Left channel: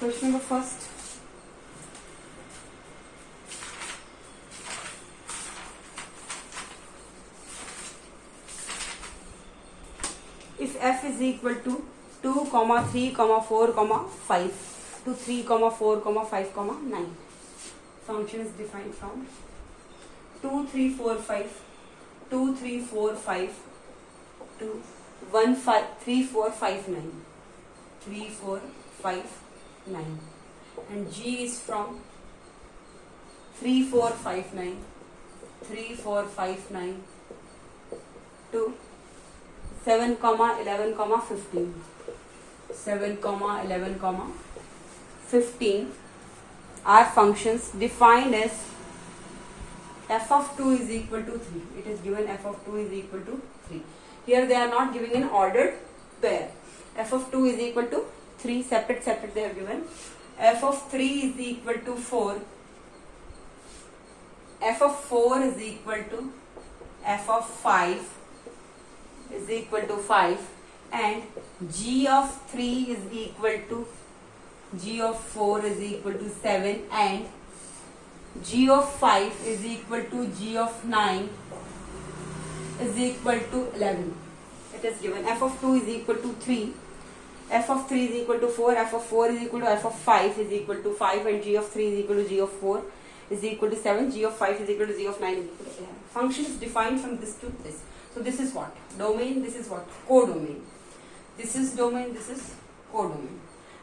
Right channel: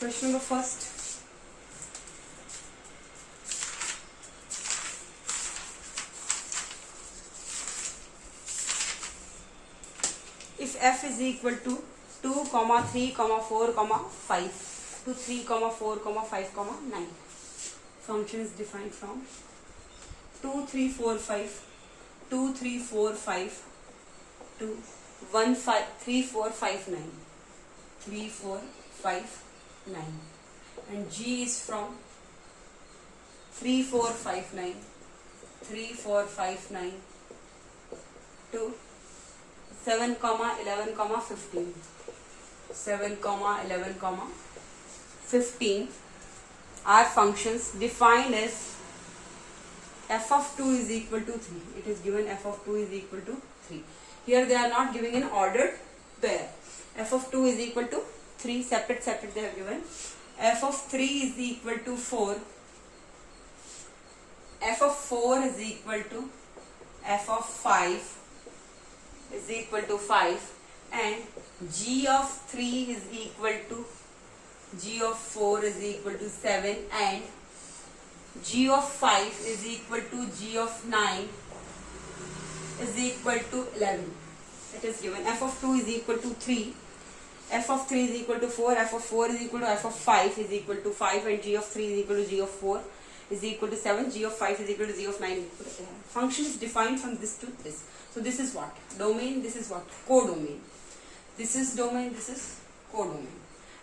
Question number first. If f is equal to 2, 3, 4, 5 to 3, 4, 5, 9. Function is defined from 2, 3, 4, 5, 2, 3, 4, 5 to 1, 5, 3, 4, 5, 9. 3, 4, 5, 9. And G is from 3, 4, 5, 9, 3, 4, 5, 9 to 7, 11, 15. 7, 11, 15 are functions defined as f of 2 is equal to 3. It is given f of 2 is equal to 3. Here they are not giving an ordered pair. F of 2 is equal to 3, separate they have given. F of 3 is equal to 4. F of 4 is equal to f of 5 is equal to 5, and G of 3 is equal to G of 4 is equal to 7, and G of 5 is equal to G of 9 is equal to 11. It is given f of 2 is equal to 3, f of 3 is equal to 4, f of 4 is equal to f of 5 is equal to 5, and G of 3 is equal to G of 4 is equal to 7, G of 5 is equal to G of 9 is equal to 11. Function is defined from this to this. So this is what? Domain, this is what? Codomain. This is domain, this is codomain.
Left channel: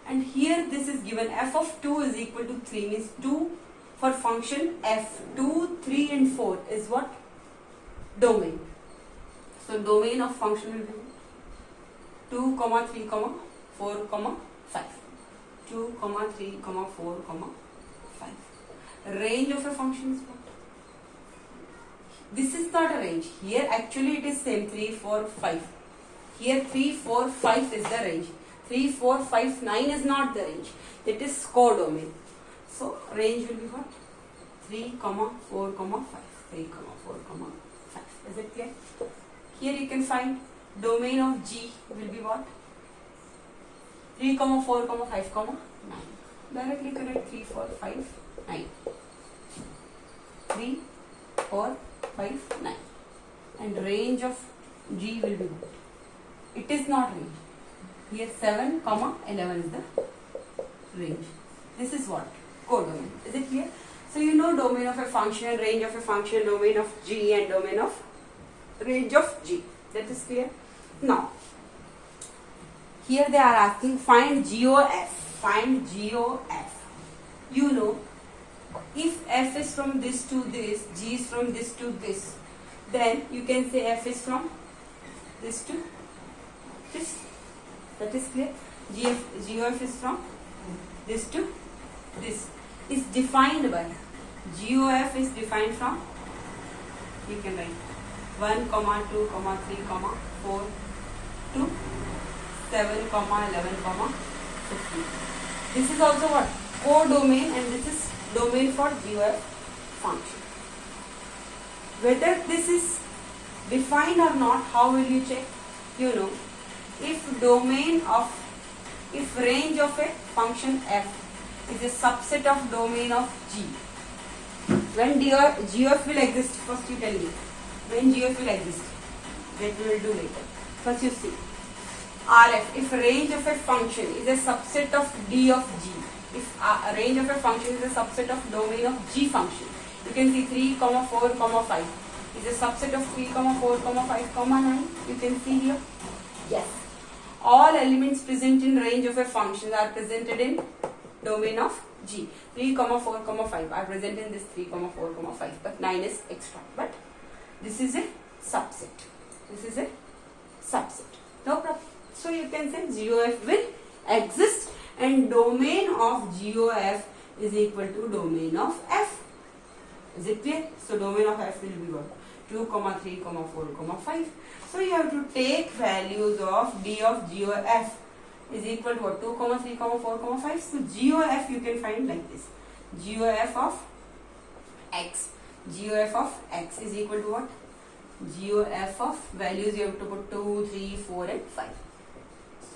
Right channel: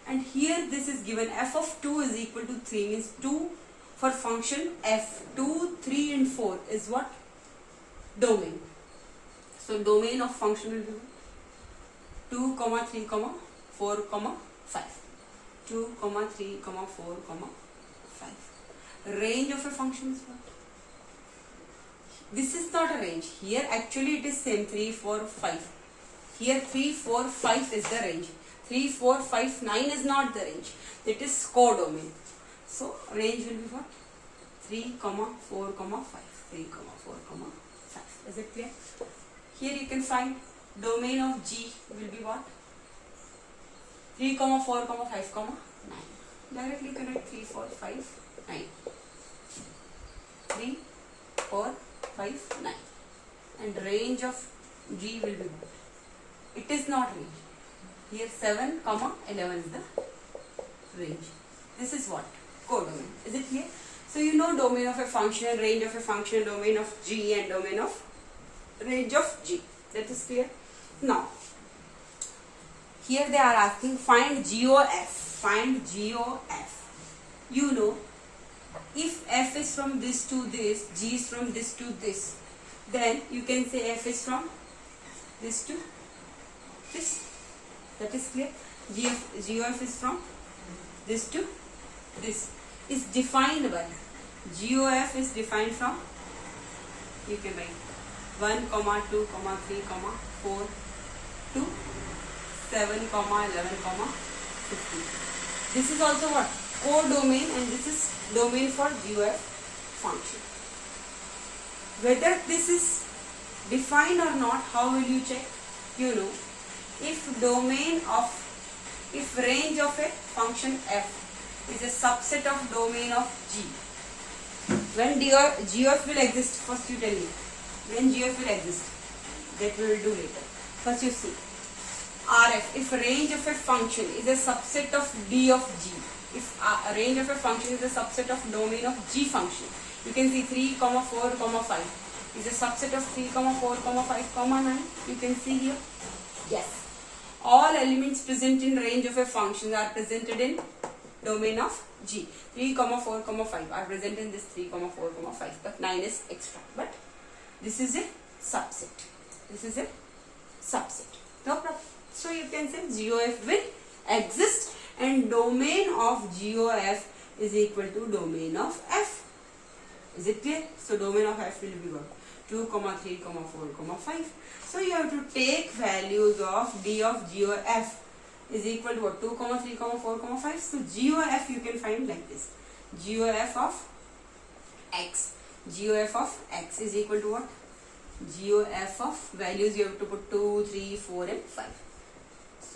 And here this is given f of 2 is equal to 3, means 2 for function f. 2, 3 and 4 is what? Domain. So domain of function will be 2, 3, 4, 5. 2, 3, 4, 5. Range of a function is what? This is not a range. Here actually it is same 3, 4, 5. Here 3, 4, 5 is the range. 3, 4, 5, 9 is not the range. It is codomain. So range will be what? 3, 4, 5. 3, 4, 5. Is it clear? Here you can find domain of G will be what? 3, 4, 5, 9. Directly connect 3, 4, 5, 9. 3, 4, 5, 9. And range of G will be what? It is not range. Here 7, 11 is the range. This is what? Codomain. Is it clear? So you know domain of a function and range of a function, domain of G and domain of range of G. That is clear? Now, here they are asking find GOF. Find GOF. You know, if f is from this to this, G is from this to this, then you can say f is from this to this. That is clear? GOF is from this to this. Is defined by GOF is defined from, you can write 1, 2, 3, 4 to 7, 11, 15. This is also what? Codomain, and this is domain for GOF function. Whether this is defined or not, how will you check? You know, if range of a function f is a subset of domain of G, when GOF will exist, first you tell me, when GOF will exist, that we will do later. First you see, RF, if range of a function is a subset of D of G, if range of a function is a subset of domain of G function, you can see 3, 4, 5 is a subset of 3, 4, 5, 9. You can see here. Yes. All elements present in range of a function are presented in domain of G. 3, 4, 5 are present in this 3, 4, 5, but 9 is extra. But this is a subset. This is a subset. No problem. So you can say GOF will exist, and domain of GOF is equal to domain of F. Is it clear? So domain of F will be what? 2, 3, 4, 5. So you have to take values of D of GOF is equal to what? 2, 3, 4, 5. So GOF you can find like this. GOF of X. GOF of X is equal to what? GOF of values you have to put 2, 3, 4 and 5.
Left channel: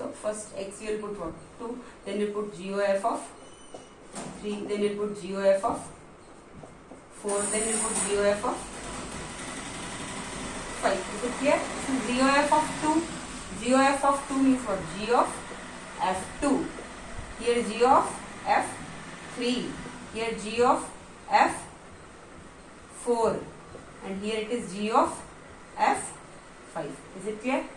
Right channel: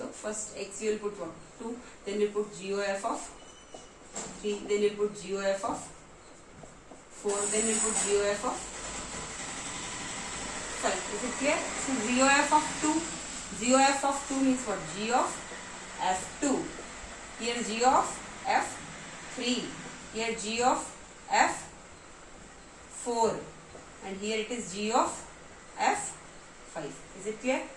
So first x we will put what? 2. Then we put GOF of 3. Then we put GOF of 4. Then we put GOF of 5. Is it clear? So GOF of 2. GOF of 2 means what? G of F2. Here G of F3. Here G of F4. And here it is G of F5. Is it clear?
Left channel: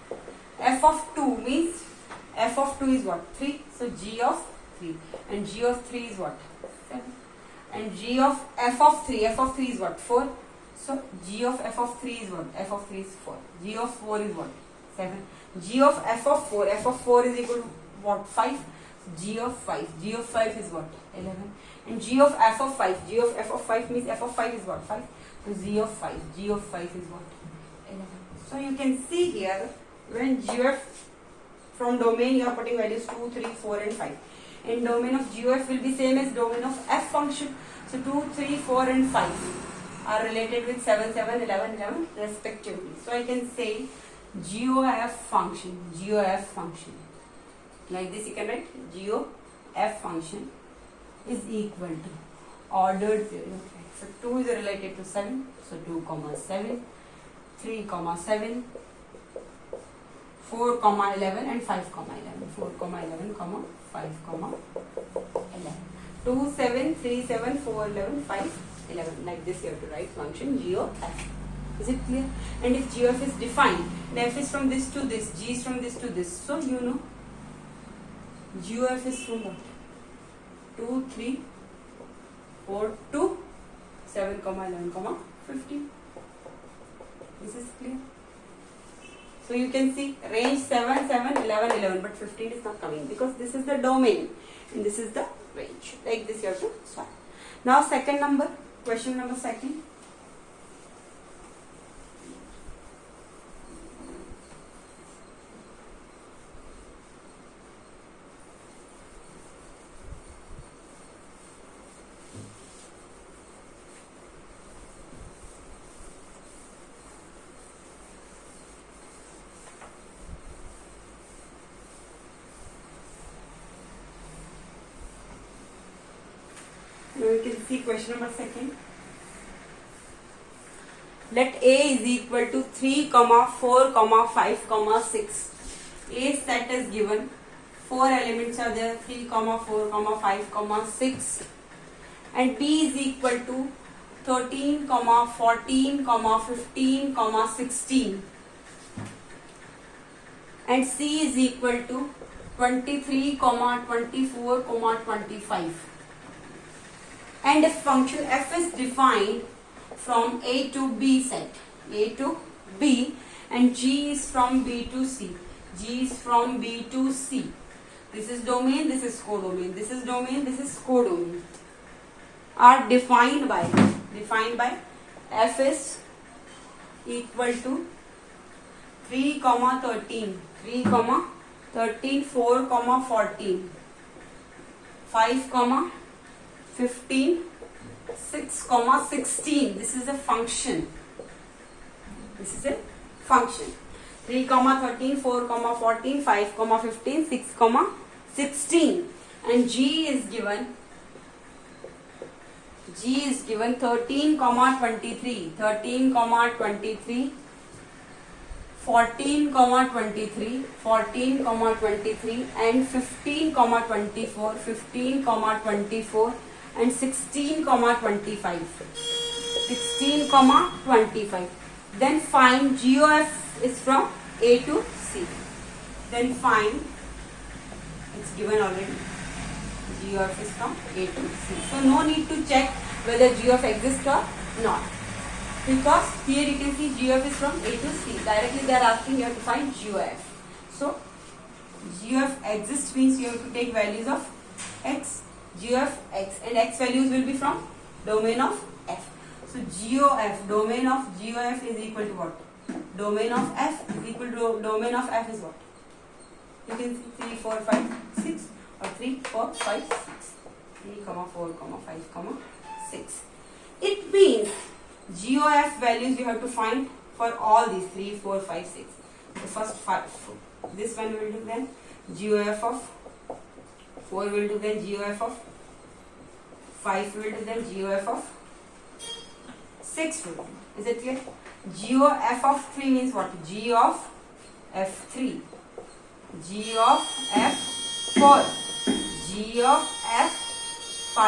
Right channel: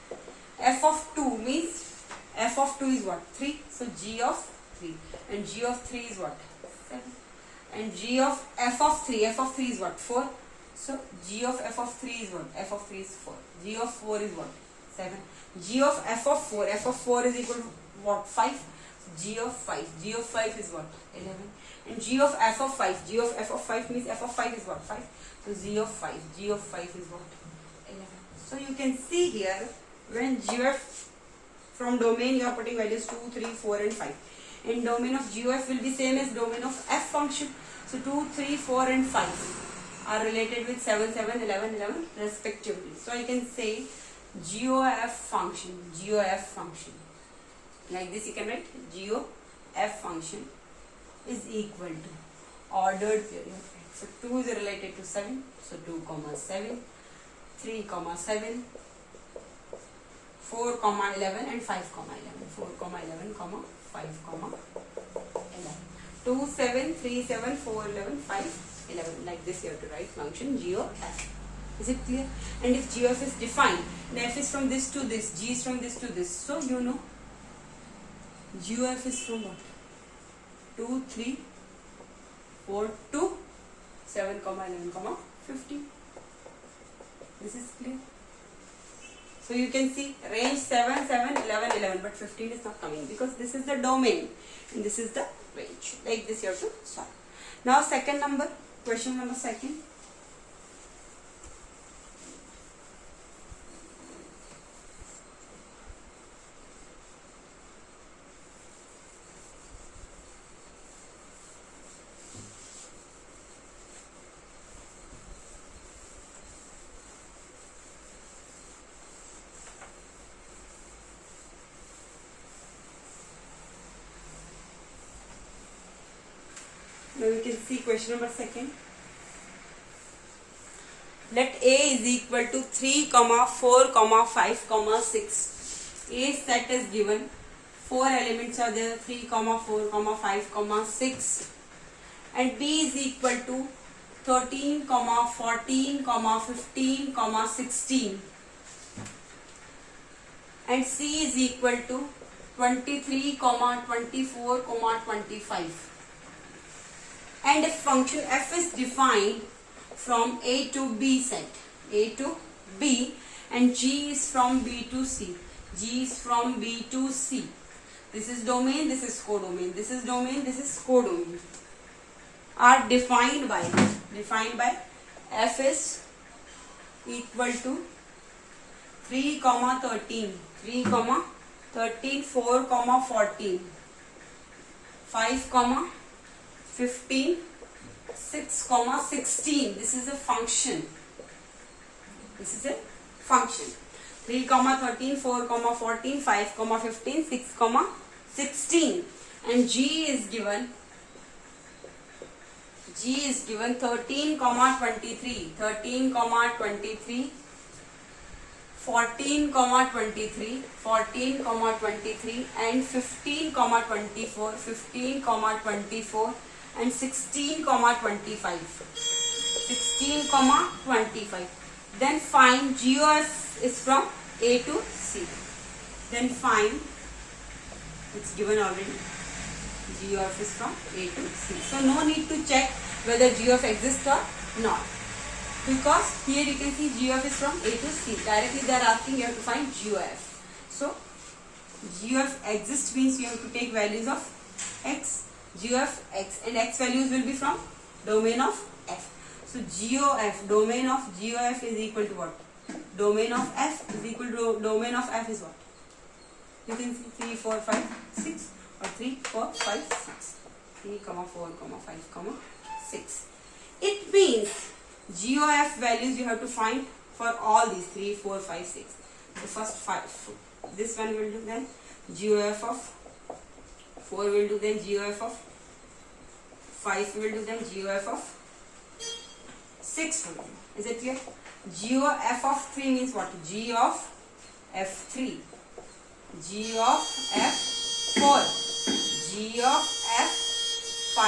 F of 2 means F of 2 is what? 3. So G of 3. And G of 3 is what? 7. And G of F of 3. F of 3 is what? 4. So G of F of 3 is what? F of 3 is 4. G of 4 is what? 7. G of F of 4. F of 4 is equal to what? 5. G of 5. G of 5 is what? 11. And G of F of 5. G of F of 5 means F of 5 is what? 5. So G of 5. G of 5 is what? 11. So you can see here when GOF from domain you are putting values 2, 3, 4 and 5. In domain of GOF will be same as domain of F function. So 2, 3, 4 and 5 are related with 7, 7, 11, 11 respectively. So I can say GOF function. Like this you can write GOF function is equal to ordered period. So 2 is related to 7. So 2 comma 7, 3 comma 7, 4 comma 11 and 5 comma 11. 4 comma 11 comma 5 comma 11. 2, 7, 3, 7, 4, 11, 5, 11. Like this you have to write function GOF. Is it clear? And if GOF is defined, then F is from this to this, G is from this to this. So you know GOF is from what? 2, 3, 4 to 7, 11, 15. This is clear. So you can see range 7, 7, 11, 11, but 15 is not coming because this is the domain and this is the range. Like this you have to solve. Now second number, question number second. Now we can see question number second. Let A is equal to 3, 4, 5, 6. A set is given. 4 elements are there. 3, 4, 5, 6. And B is equal to 13, 14, 15, 16. And C is equal to 23, 24, 25. And if function f is defined from A to B set, A to B, and G is from B to C, G is from B to C. This is domain, this is codomain, this is domain, this is codomain. Are defined by f is equal to 3, 13, 3, 13, 4, 14, 5, 15, 6, 16. This is a function. This is a function. 3, 13, 4, 14, 5, 15, 6, 16. And G is given 13, 23, 13, 23, 14, 23, 14, 23, and 15, 24, 15, 24, and 16, 25. 16, 25. Then find GOF is from A to C. Then find, it's given already, GOF is from A to C. So no need to check whether GOF exists or not. Because here you can see GOF is from A to C. Directly they are asking you have to find GOF. So GOF exists means you have to take values of X, GOF X, and X values will be from domain of F. So GOF, domain of GOF is equal to what? Domain of F is equal to domain of F is what? You can see 3, 4, 5, 6 or 3, 4, 5, 6. 3, 4, 5, 6. It means GOF values you have to find for all these 3, 4, 5, 6. The first 5. This one will do then GOF of 4 will do, then GOF of 5 will do, then GOF of 6 will do. Is it clear? GOF of 3 means what? G of F3, G of F4, G of F5,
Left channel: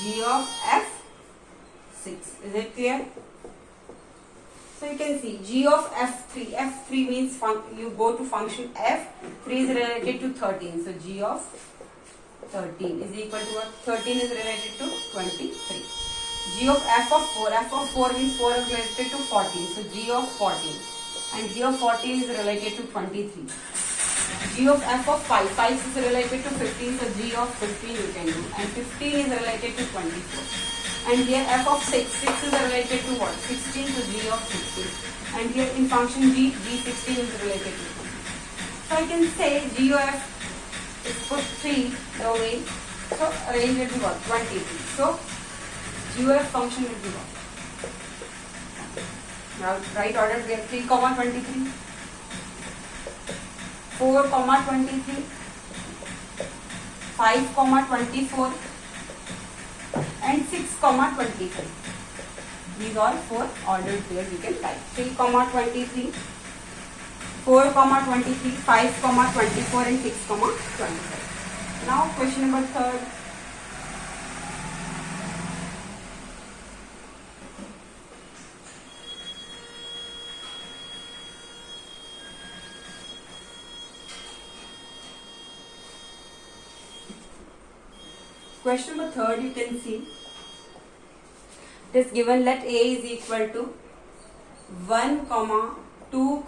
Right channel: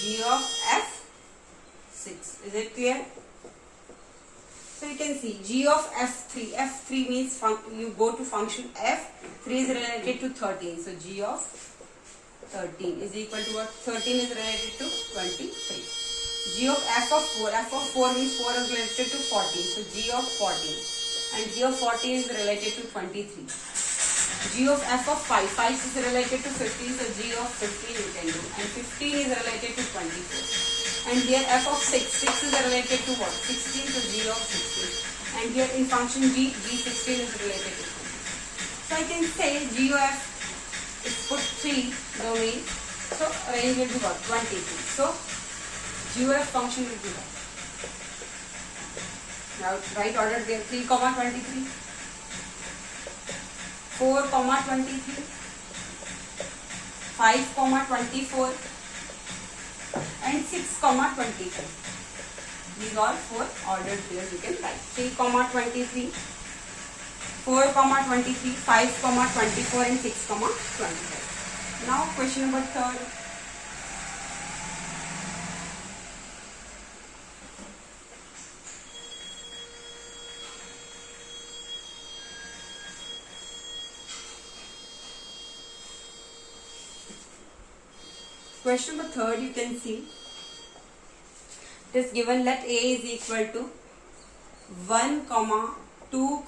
G of F6. Is it clear? So you can see G of F3. F3 means you go to function F. 3 is related to 13. So G of 13 is equal to what? 13 is related to 23. G of F of 4. F of 4 means 4 is related to 14. So G of 14. And G of 14 is related to 23. G of F of 5. 5 is related to 15. So G of 15 you can do. And 15 is related to 24. And here F of 6. 6 is related to what? 16. So G of 16. And here in function G, G16 is related to 20. So I can say G of F is put 3 domain. So range will be what? 23. So G of F function will be what? Now right order there 3, 23. 4, 23. 5, 24. And 6, 23. These are 4 ordered pairs you can type. 3, 23, 4, 23, 5, 24 and 6, 25. Now question number 3. Question number 3, you can see it is given, let A is equal to 1, 2,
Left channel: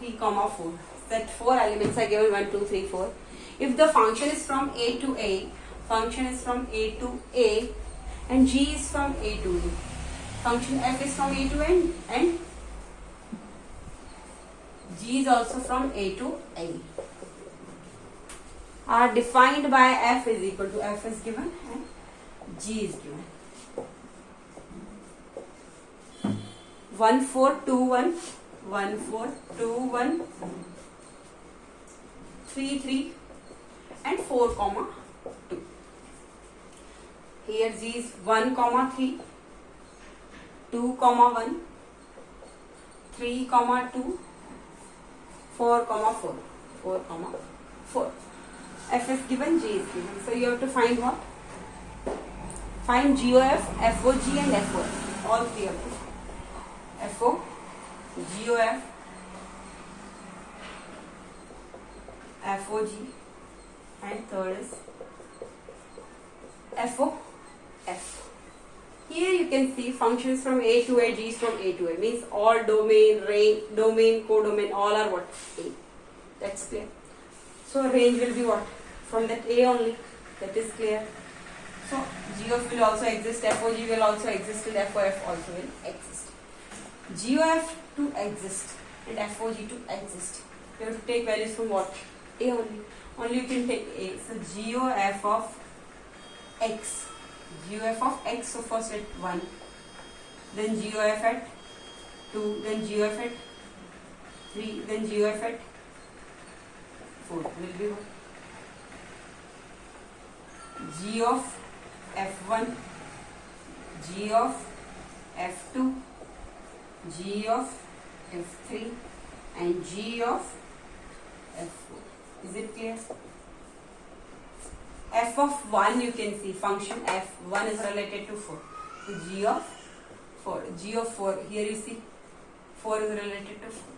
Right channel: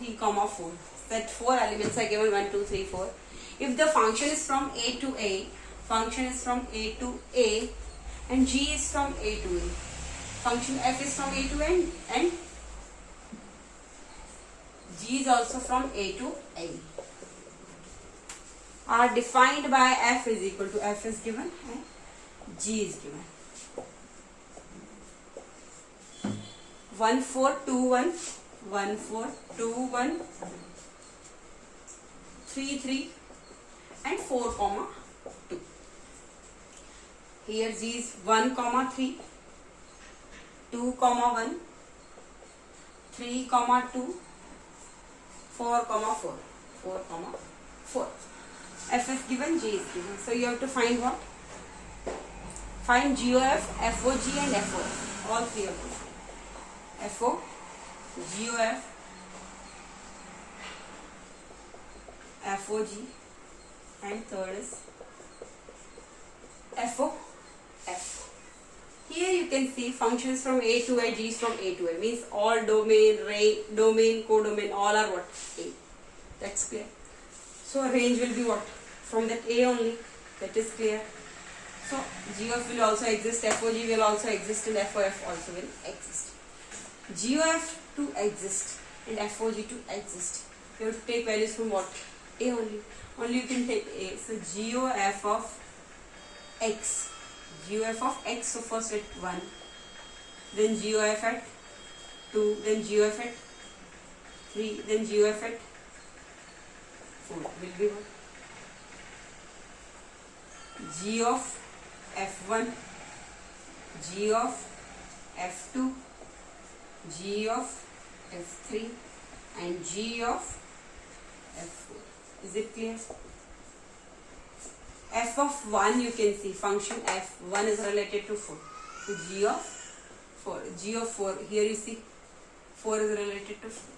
3, 4. Set 4 elements are given 1, 2, 3, 4. If the function is from A to A, function is from A to A, and G is from A to A. Function F is from A to N, and G is also from A to A. Are defined by F is equal to, F is given and G is given. 1, 4, 2, 1, 1, 4, 2, 1, 3, 3 and 4, 2. Here G is 1, 3, 2, 1, 3, 2, 4, 4, 4, 4. F is given, G is given. So you have to find what? Find GOF, FOG and FOF. All three of them. FO, GOF, FOG, and third is FOF. Here you can see functions from A to A, G is from A to A. Means all domain, domain, codomain, all are what? A. That's clear. So range will be what? From that A only. That is clear. So GOF will also exist, FOG will also exist, and FOF also will exist. GOF to exist and FOG to exist, you have to take values from what? A only. Only you can take A. So GOF of X. GOF of X, so first at 1. Then GOF at 2. Then GOF at 3. Then GOF at 4. Will be what? G of F1, G of F2, G of F3 and G of F4. Is it clear? F of 1 you can see function F1 is related to 4. So G of 4. G of 4 here you see 4 is related to 4.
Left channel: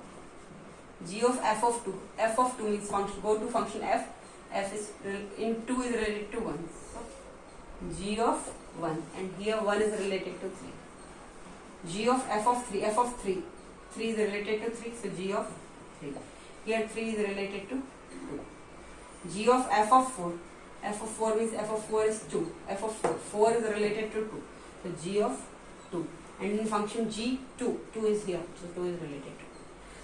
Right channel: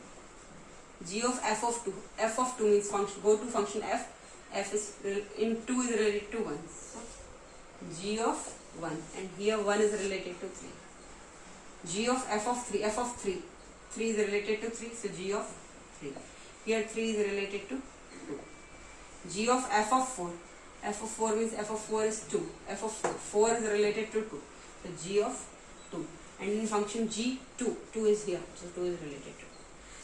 G of F of 2. F of 2 means function. Go to function F. F is in 2 is related to 1. So G of 1 and here 1 is related to 3. G of F of 3. F of 3. 3 is related to 3. So G of 3. Here 3 is related to 2. G of F of 4. F of 4 means F of 4 is 2. F of 4. 4 is related to 2. So G of 2. And in function G, 2. 2 is here. So 2 is related to 2.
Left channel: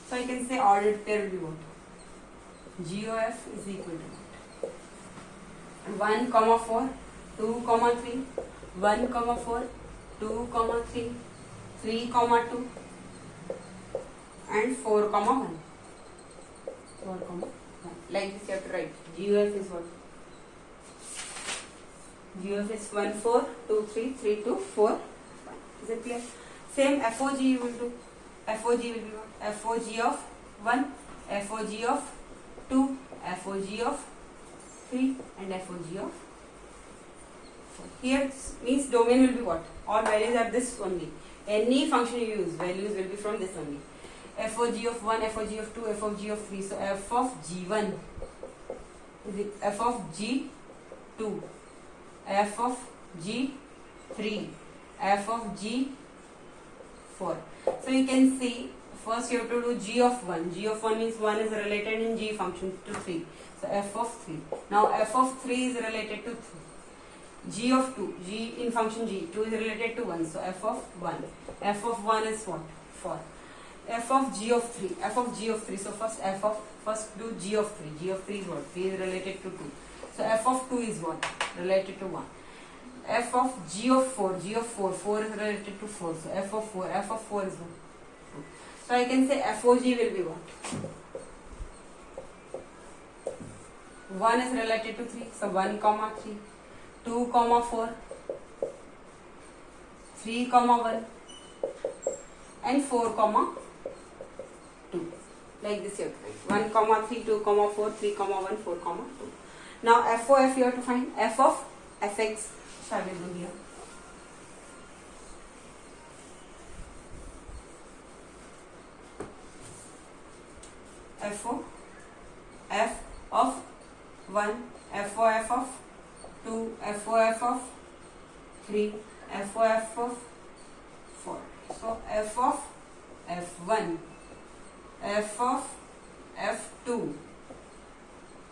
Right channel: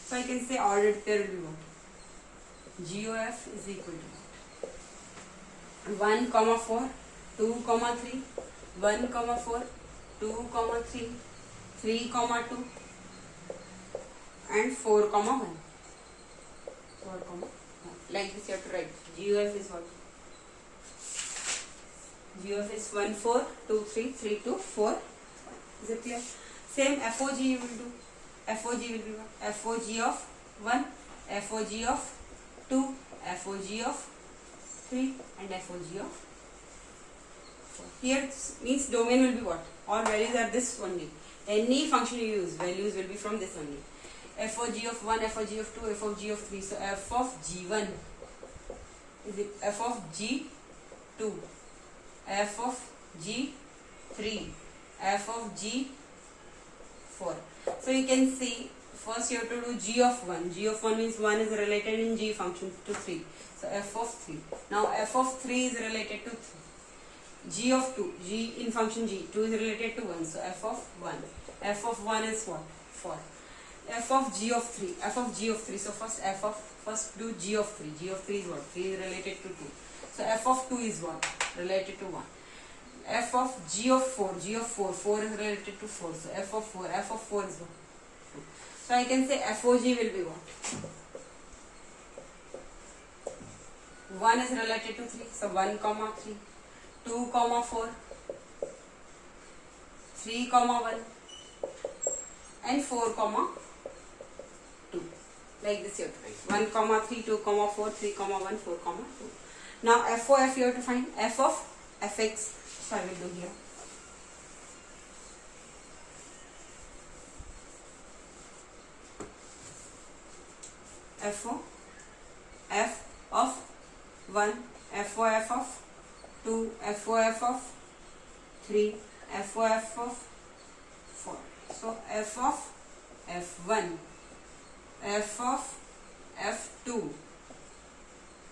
So I can say ordered pair will be what? GOF is equal to what? 1, 4, 2, 3, 1, 4, 2, 3, 3, 2 and 4, 1. 4, 1. Like this you have to write. GOF is what? GOF is 1, 4, 2, 3, 3, 2, 4. Is it clear? Same FOG you will do. FOG will be what? FOG of 1, FOG of 2, FOG of 3 and FOG of 4. Here means domain will be what? All values are this only. Any function you use, values will be from this only. FOG of 1, FOG of 2, FOG of 3. So f of G1 is it f of G2, f of G3, f of G4. So you can see first you have to do G of 1. G of 1 means 1 is related in G function to 3. So f of 3. Now f of 3 is related to 3. G of 2, G in function G, 2 is related to 1. So f of 1. F of 1 is what? 4. F of G of 3. F of G of 3. So first do G of 3. G of 3 is what? 3 is related to 2. So f of 2 is what? Related to 1. F of G of 4. G of 4. 4 is related to 4. So f of 4. F of 4 is what? 2. So I can say FOG will be what? 1 is related to 3. So 1 comma 3. 2 comma 4. 3 comma 1. And 4 comma 2. Like this you have to write. 1 comma 3, 2 comma 4, 3 comma 1, 4 comma 2. Now FOF you have to find. F of fx. So I will do here. FOF of 1, FOF of 2, FOF of 3, FOF of 4. So f of f1, f of f2,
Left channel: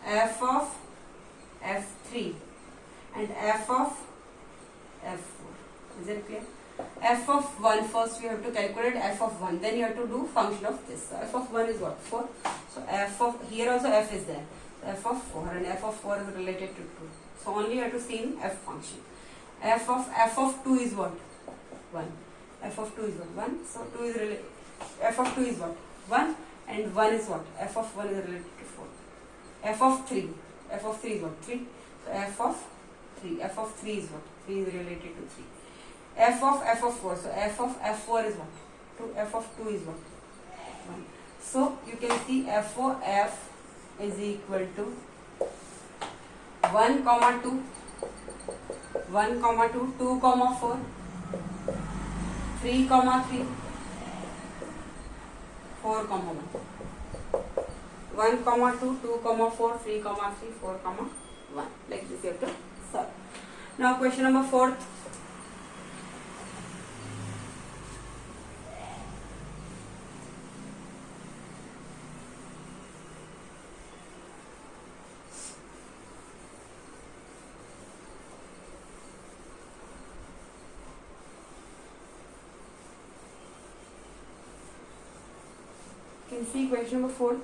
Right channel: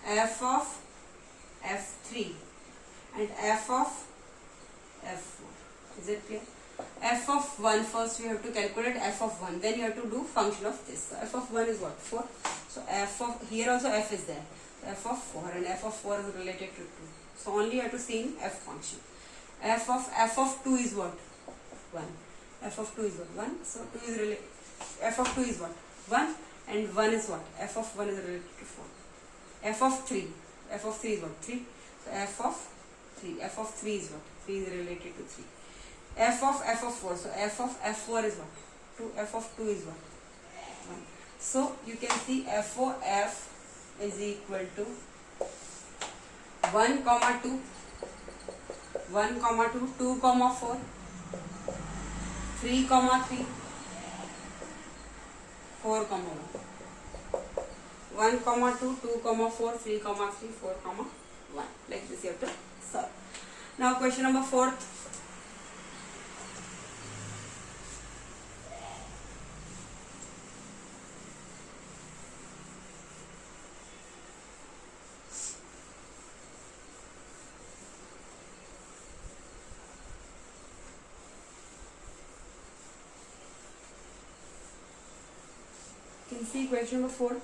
f of f3 and f of f4. Is it clear? F of 1 first we have to calculate f of 1, then you have to do function of this. So f of 1 is what? 4. So f of, here also f is there. So f of 4 and f of 4 is related to 2. So only you have to see in f function. F of 2 is what? 1. F of 2 is what? 1. So 2 is related. F of 2 is what? 1 and 1 is what? F of 1 is related to 4. F of 3. F of 3 is what? 3. So f of 3. F of 3 is what? 3 is related to 3. F of 4. So f of f4 is what? 2. F of 2 is what? 1. So you can see FOF is equal to 1 comma 2, 1 comma 2, 2 comma 4, 3 comma 3, 4 comma 1. 1 comma 2, 2 comma 4, 3 comma 3, 4 comma 1. Like this you have to solve. Now question number 4. You can see question number 4.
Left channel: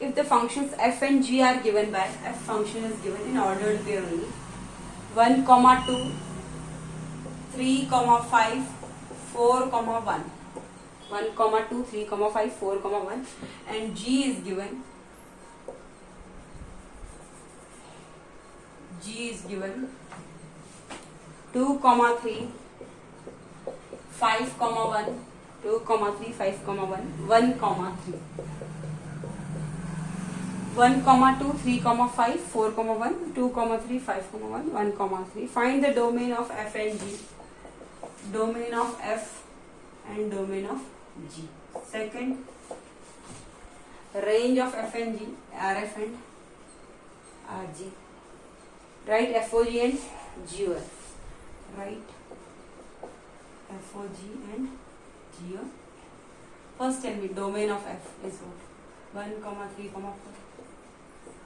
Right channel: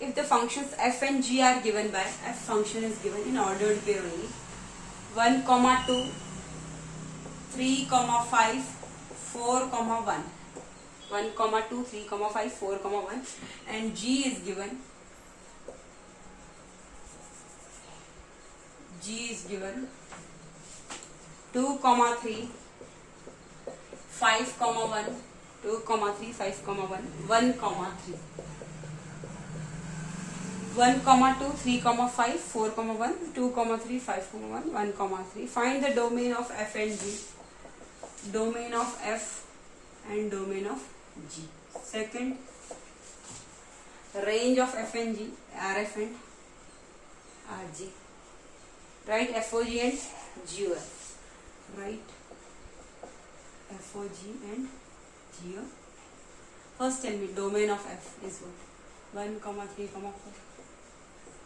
If the functions f and g are given by, f function is given in ordered way only, 1 comma 2, 3 comma 5, 4 comma 1, 1 comma 2, 3 comma 5, 4 comma 1, and g is given, 2 comma 3, 5 comma 1, 2 comma 3, 5 comma 1, 1 comma 3. 1 comma 2, 3 comma 5, 4 comma 1, 2 comma 3, 5 comma 1, 1 comma 3. Find the domain of f and g. Domain of f and domain of g. Second, range of f and g, rf and rg. Write FOG and GOF. Write FOG and GOF. First tell me domain of f is what? 1 comma 3 comma 4.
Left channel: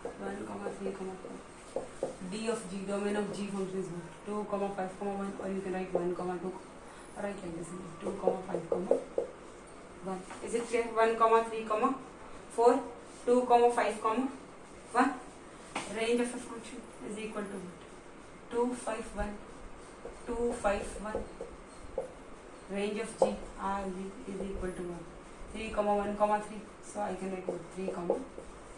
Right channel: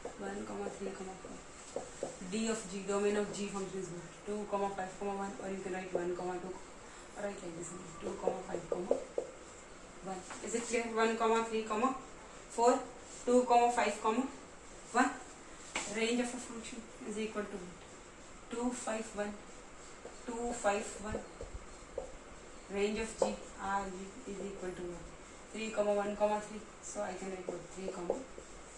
1 comma 3 comma 4. D of g, domain of g function is what? 2 comma 5 comma 1, or you can write 1 comma 2. Or write like this: 2 comma 5 comma 1. Is it clear? 1 comma 3 comma 4, 2 comma 5 comma 1. Range of a function is equal to 2 5 1, 2 5 1. Range of g, rg is equal to 1. 3 comma 1 comma 3. So I can write 3 comma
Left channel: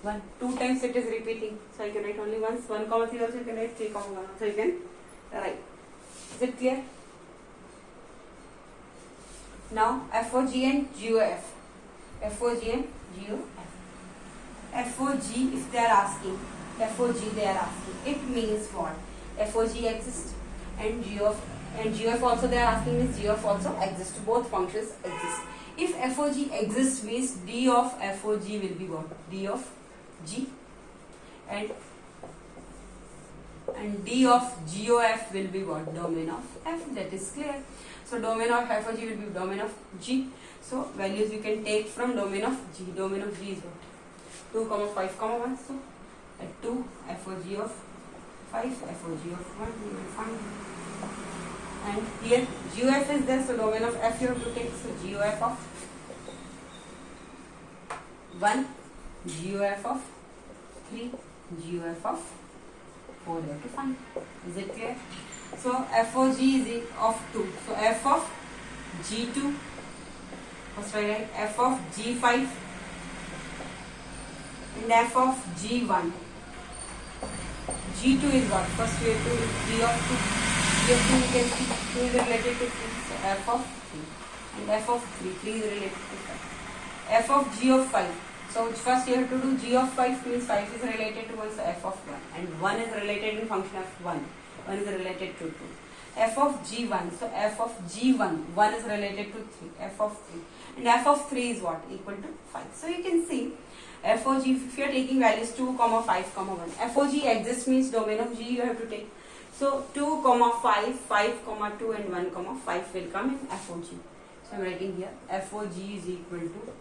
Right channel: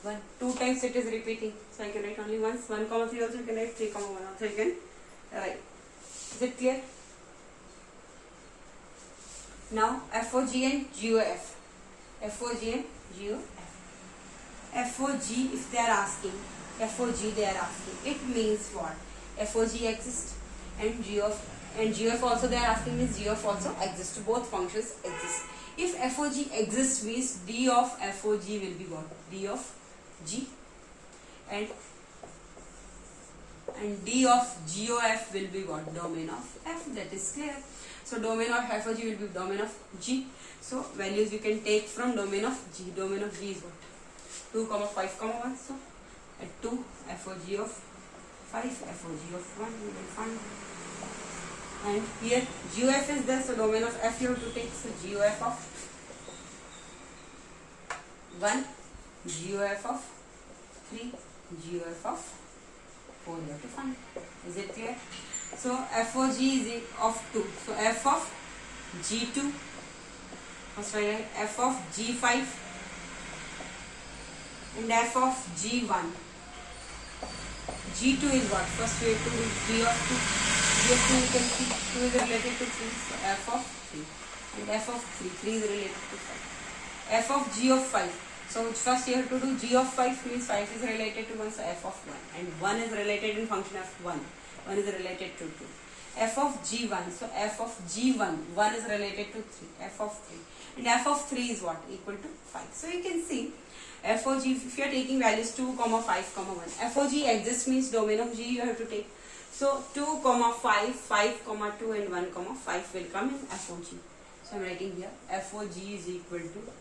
1. 2 times it is repeating. So I can write only once. 1 comma 3 also you can write 3 comma 1. So you can write. Is it clear? Now FOG and GOF. FOG and GOF. FOG if they are asking. FOG they are asking. It means what? FOG exists and GOF also they are asking means GOF also exists. Both functions exist. If FOG exists means D of FOG will be what? D of G and D of GOF will be what? Domain of F. That is clear. So domain of FOG will be domain of G. So values you can take from domain of G. Domain of G is what? 2 comma 5 comma 1. So at 2 FOG of 5, FOG of 1 you will find. And here GOF is there, so domain of F you have to take. So GOF of 1, GOF of 3, GOF of 4 you have to find. Is it clear? So FOG is of 2. So F of G2, first I write F of G5 and F of G1. G2 is what? First we have to do G of 2. G of 2 you can see 2 is related to 3. So F of 3 and F of 3. 3 is related to 5. F of G of 5. So first you have to do G of 5 means 5 is related to 1. So F of 1 and 1 is related in function of 1. 1 is related to 2. F of G1. So F of G1. 1 is related to 3. F of 3. And F of 3 is what? Equal to 5. So you can see FOG, if you are taking values 2, 5, 1. FOG exists means domain of G you have to take. So 2, 5, 5, 2 and 1, 5 will come in FOG. So I am writing here FOG is equal to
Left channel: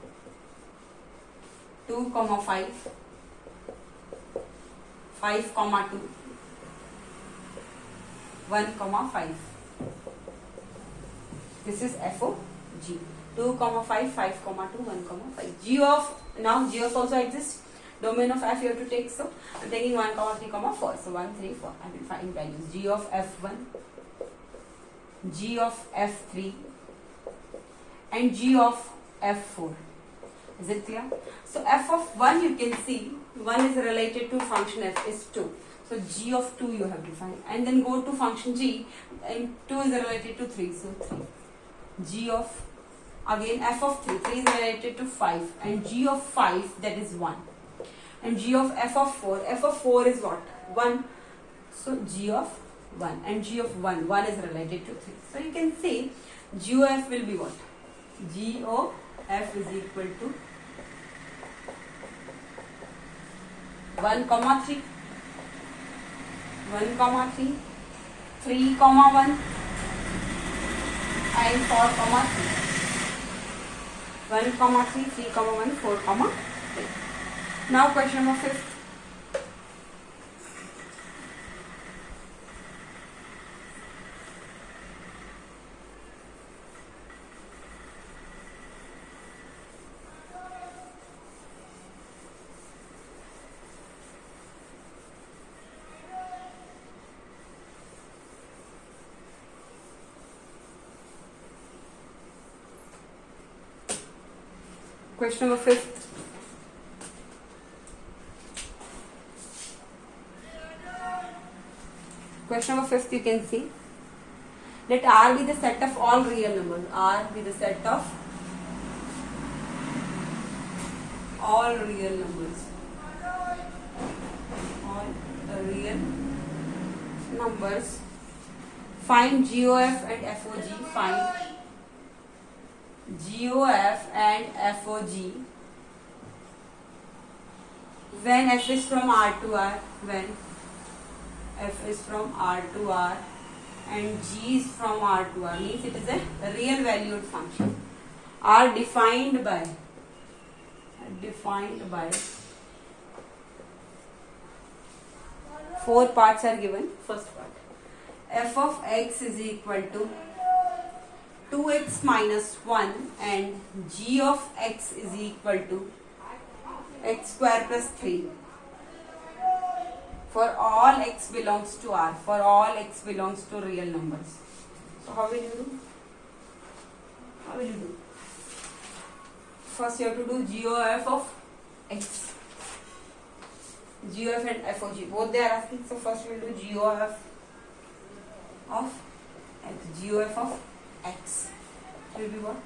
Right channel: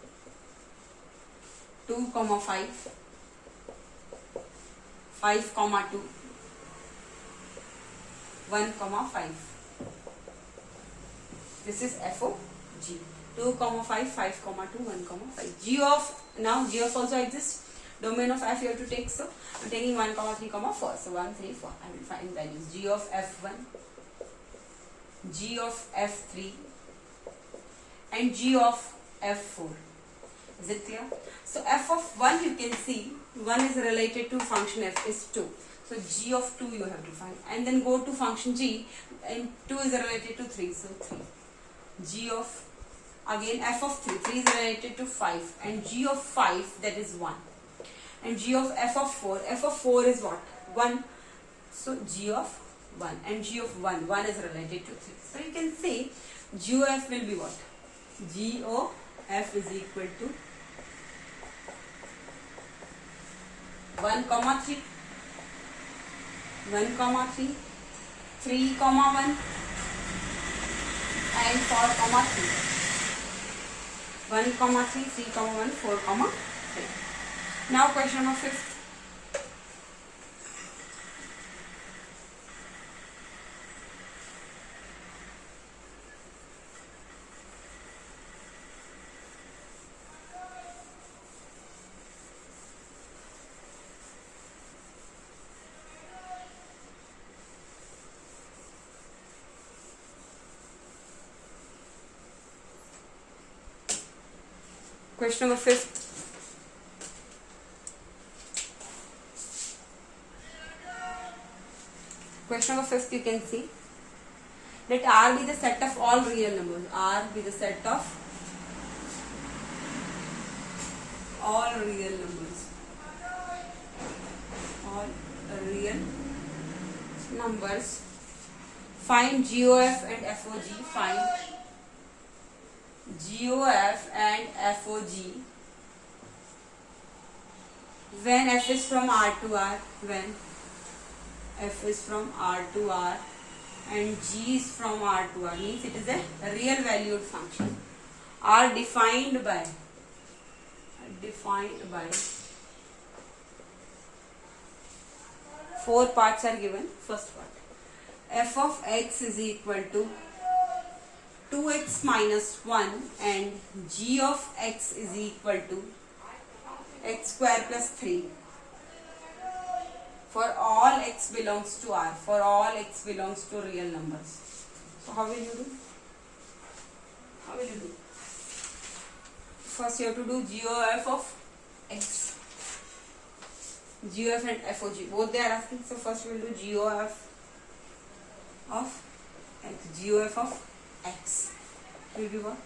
2, 5, 5, 2, 1, 5. This is FOG. 2, 5, 5, 2, 1, 5. G of, now G of also exists. Domain of F you have to take. So I am taking 1, 3, 4. So 1, 3, 4. I will find values. G of F1, G of F3 and G of F4. Is it clear? So F of 1 you can see 1 is related to function F is 2. So G of 2 you have to find. And then go to function G and 2 is related to 3. So 3. G of, again F of 3. 3 is related to 5 and G of 5 that is 1. And G of F of 4. F of 4 is what? 1. So G of 1 and G of 1. 1 is related to 3. So you can say GOF will be what? GOF is equal to 1, 3. 1, 3. 3, 1 and 4, 3. 1, 3, 3, 1, 4, 3. Now question number 5. Question number 5. Question number 5 you can see. Let R be the set of all real numbers. R be the set of all real numbers. All real numbers. Find GOF and FOG. Find GOF and FOG when F is from R to R, when F is from R to R and G is from R to R, means it is a real valued function. R defined by 4 parts are given. First part, F of X is equal to 2x minus 1 and G of X is equal to x square plus 3 for all x belongs to R, for all x belongs to real numbers. So how will you do? first you have to do GOF of x. GOF and FOG, both they are asking. So first we will do GOF of x. GOF of x will be what?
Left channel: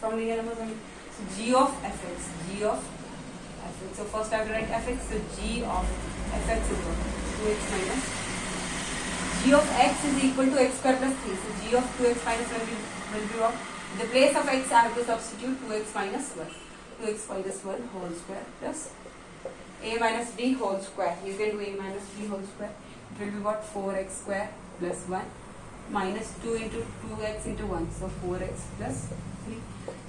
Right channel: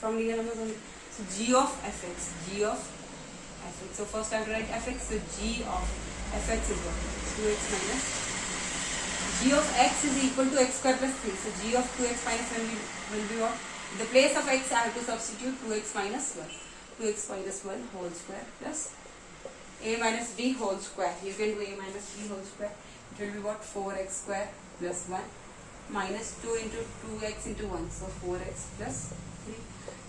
From real numbers only. So G of fx. G of fx. So first I have to write fx. So G of fx is what? 2x minus. G of x is equal to x square plus 3. So G of 2x minus 1 will be what? In the place of x I have to substitute 2x minus 1. 2x minus 1 whole square plus a minus b whole square. You can do a minus b whole square. It will be what? 4x square plus 1 minus 2 into 2x into 1. So 4x plus 3.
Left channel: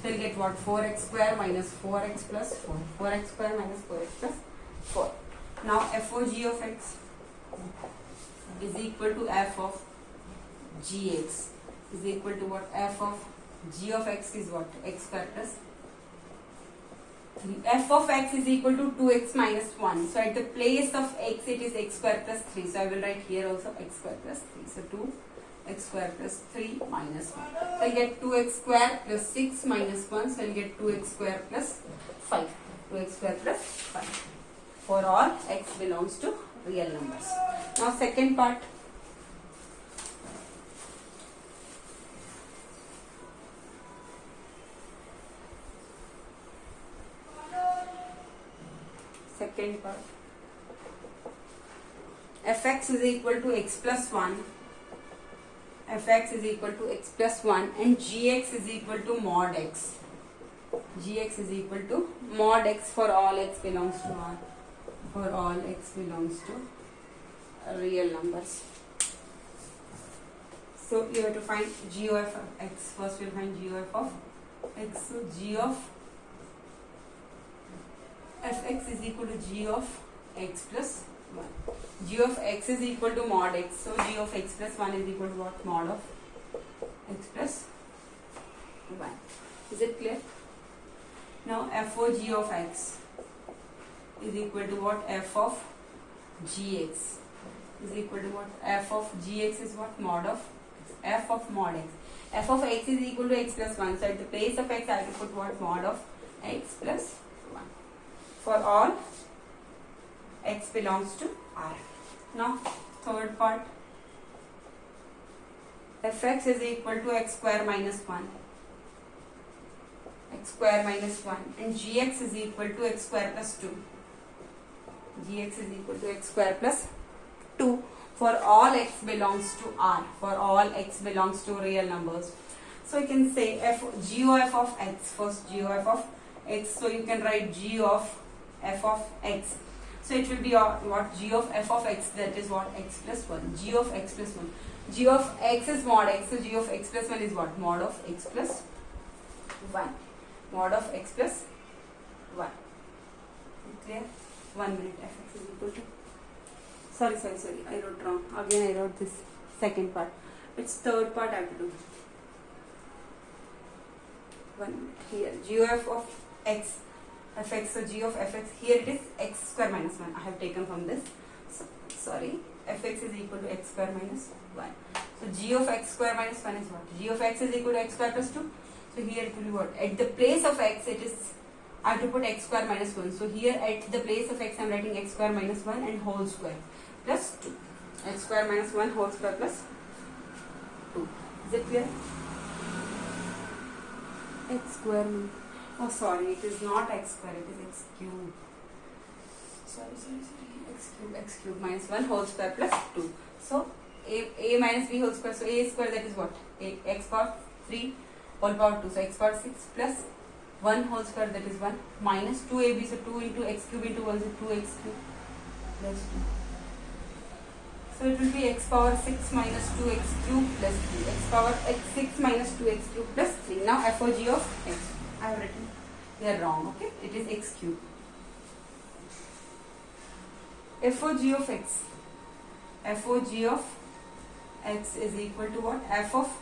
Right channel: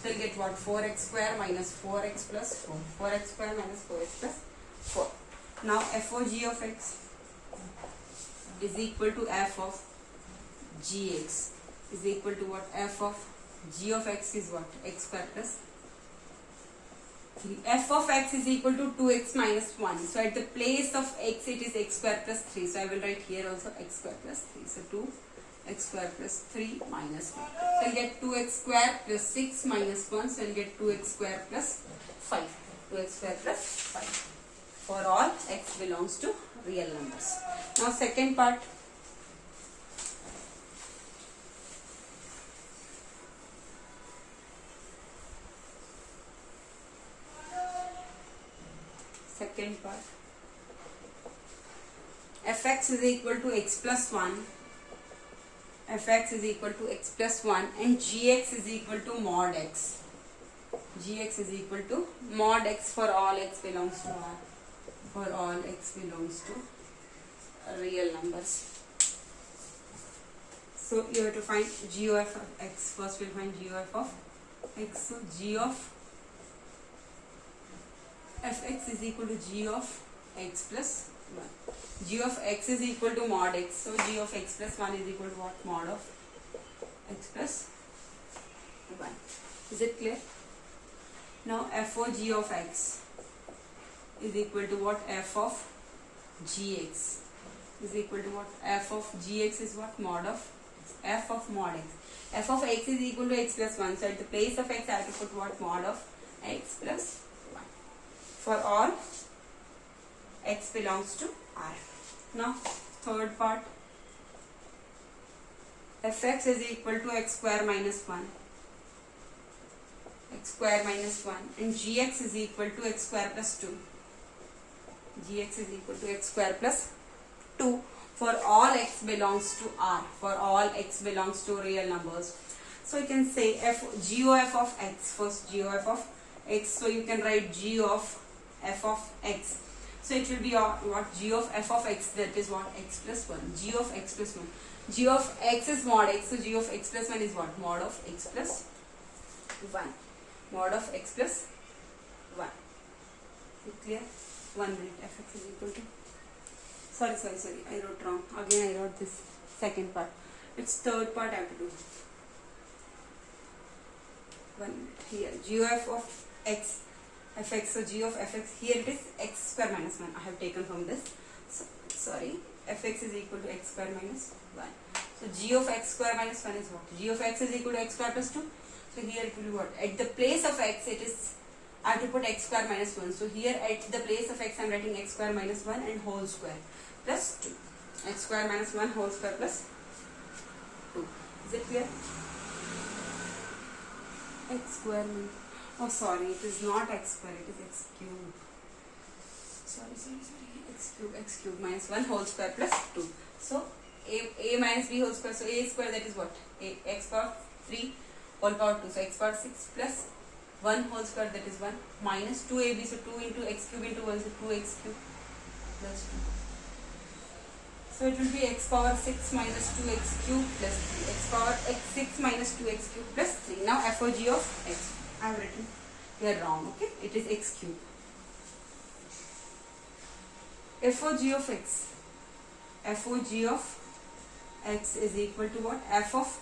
So you'll get what? 4x square minus 4x plus 4. 4x square minus 4x plus 4. Now FOG of x is equal to f of gx is equal to what? F of g of x is what? X square plus 3. F of x is equal to 2x minus 1. So at the place of x it is x square plus 3. So I will write here also x square plus 3. So 2x square plus 3 minus 1. So I get 2x square plus 6 minus 1. So I will get 2x square plus 5. 2x square plus 5. For all x belongs to real numbers. Now second part. Second part. Fx is equal to x plus 1. Fx is equal to x plus 1 and gx is equal to mod x. Gx is equal to mod x for all x belongs to R. For all x belongs to real numbers. So you have to find GOF of x. First we'll find GOF of x. So G of fx is equal to G of x plus 1. G of x is equal to mod x. So G of x plus 1 is equal to what? Mod of x plus 1. Is it clear? Now FOG of x is equal to what? F of gx is equal to what? F of gx is what? Mod of f of mod x. F of x is equal to x plus 1. So at the place of x I have to put what? Mod of x plus 1. For all x belongs to R. Now third part. Fx is equal to x square minus 1. X square minus 1 and gx is equal to x square plus 2. Gx is equal to x square plus 2 for all x belongs to R. For all x belongs to real numbers. So you can say GOF of x. First GOF of x. So you can write G of f of x. So it will be what? G of f of x, that is what? X plus 1. G of x plus 1. G of x is mod x. So G of x plus 1 is what? Mod of x plus 1. Mod of x plus 1. Is it clear? 1 minute. Fx is equal to. Sorry. I wrote wrong. Again I wrote this second part. It's third part I have to do. 1 minute. Here. GOF of x. Fx. So G of fx. Here it is x square minus 1. I have taken from this. So, sorry. Fx is equal to x square minus 1. So G of x square minus 1 is what? G of x is equal to x square plus 2. So here it will be what? At the place of x it is, I have to put x square minus 1. So here at the place of x I am writing x square minus 1 and whole square plus 2. X square minus 1 whole square plus 2. Is it clear? X square minus, oh sorry, it is not x square, it is x cube. Sorry. X cube minus 1 whole square plus 2. So a minus b whole square. So a square, that is what? X power 3 whole power 2. So x power 6 plus 1 whole square, that is 1 minus 2ab. So 2 into x cube into 1 is 2x cube plus 2. So it will be x power 6 minus 2x cube plus 3. X power x 6 minus 2x cube plus 3. Now FOG of x. I have written here wrong. Okay, it is x cube. FOG of x. FOG of x is equal to what? F of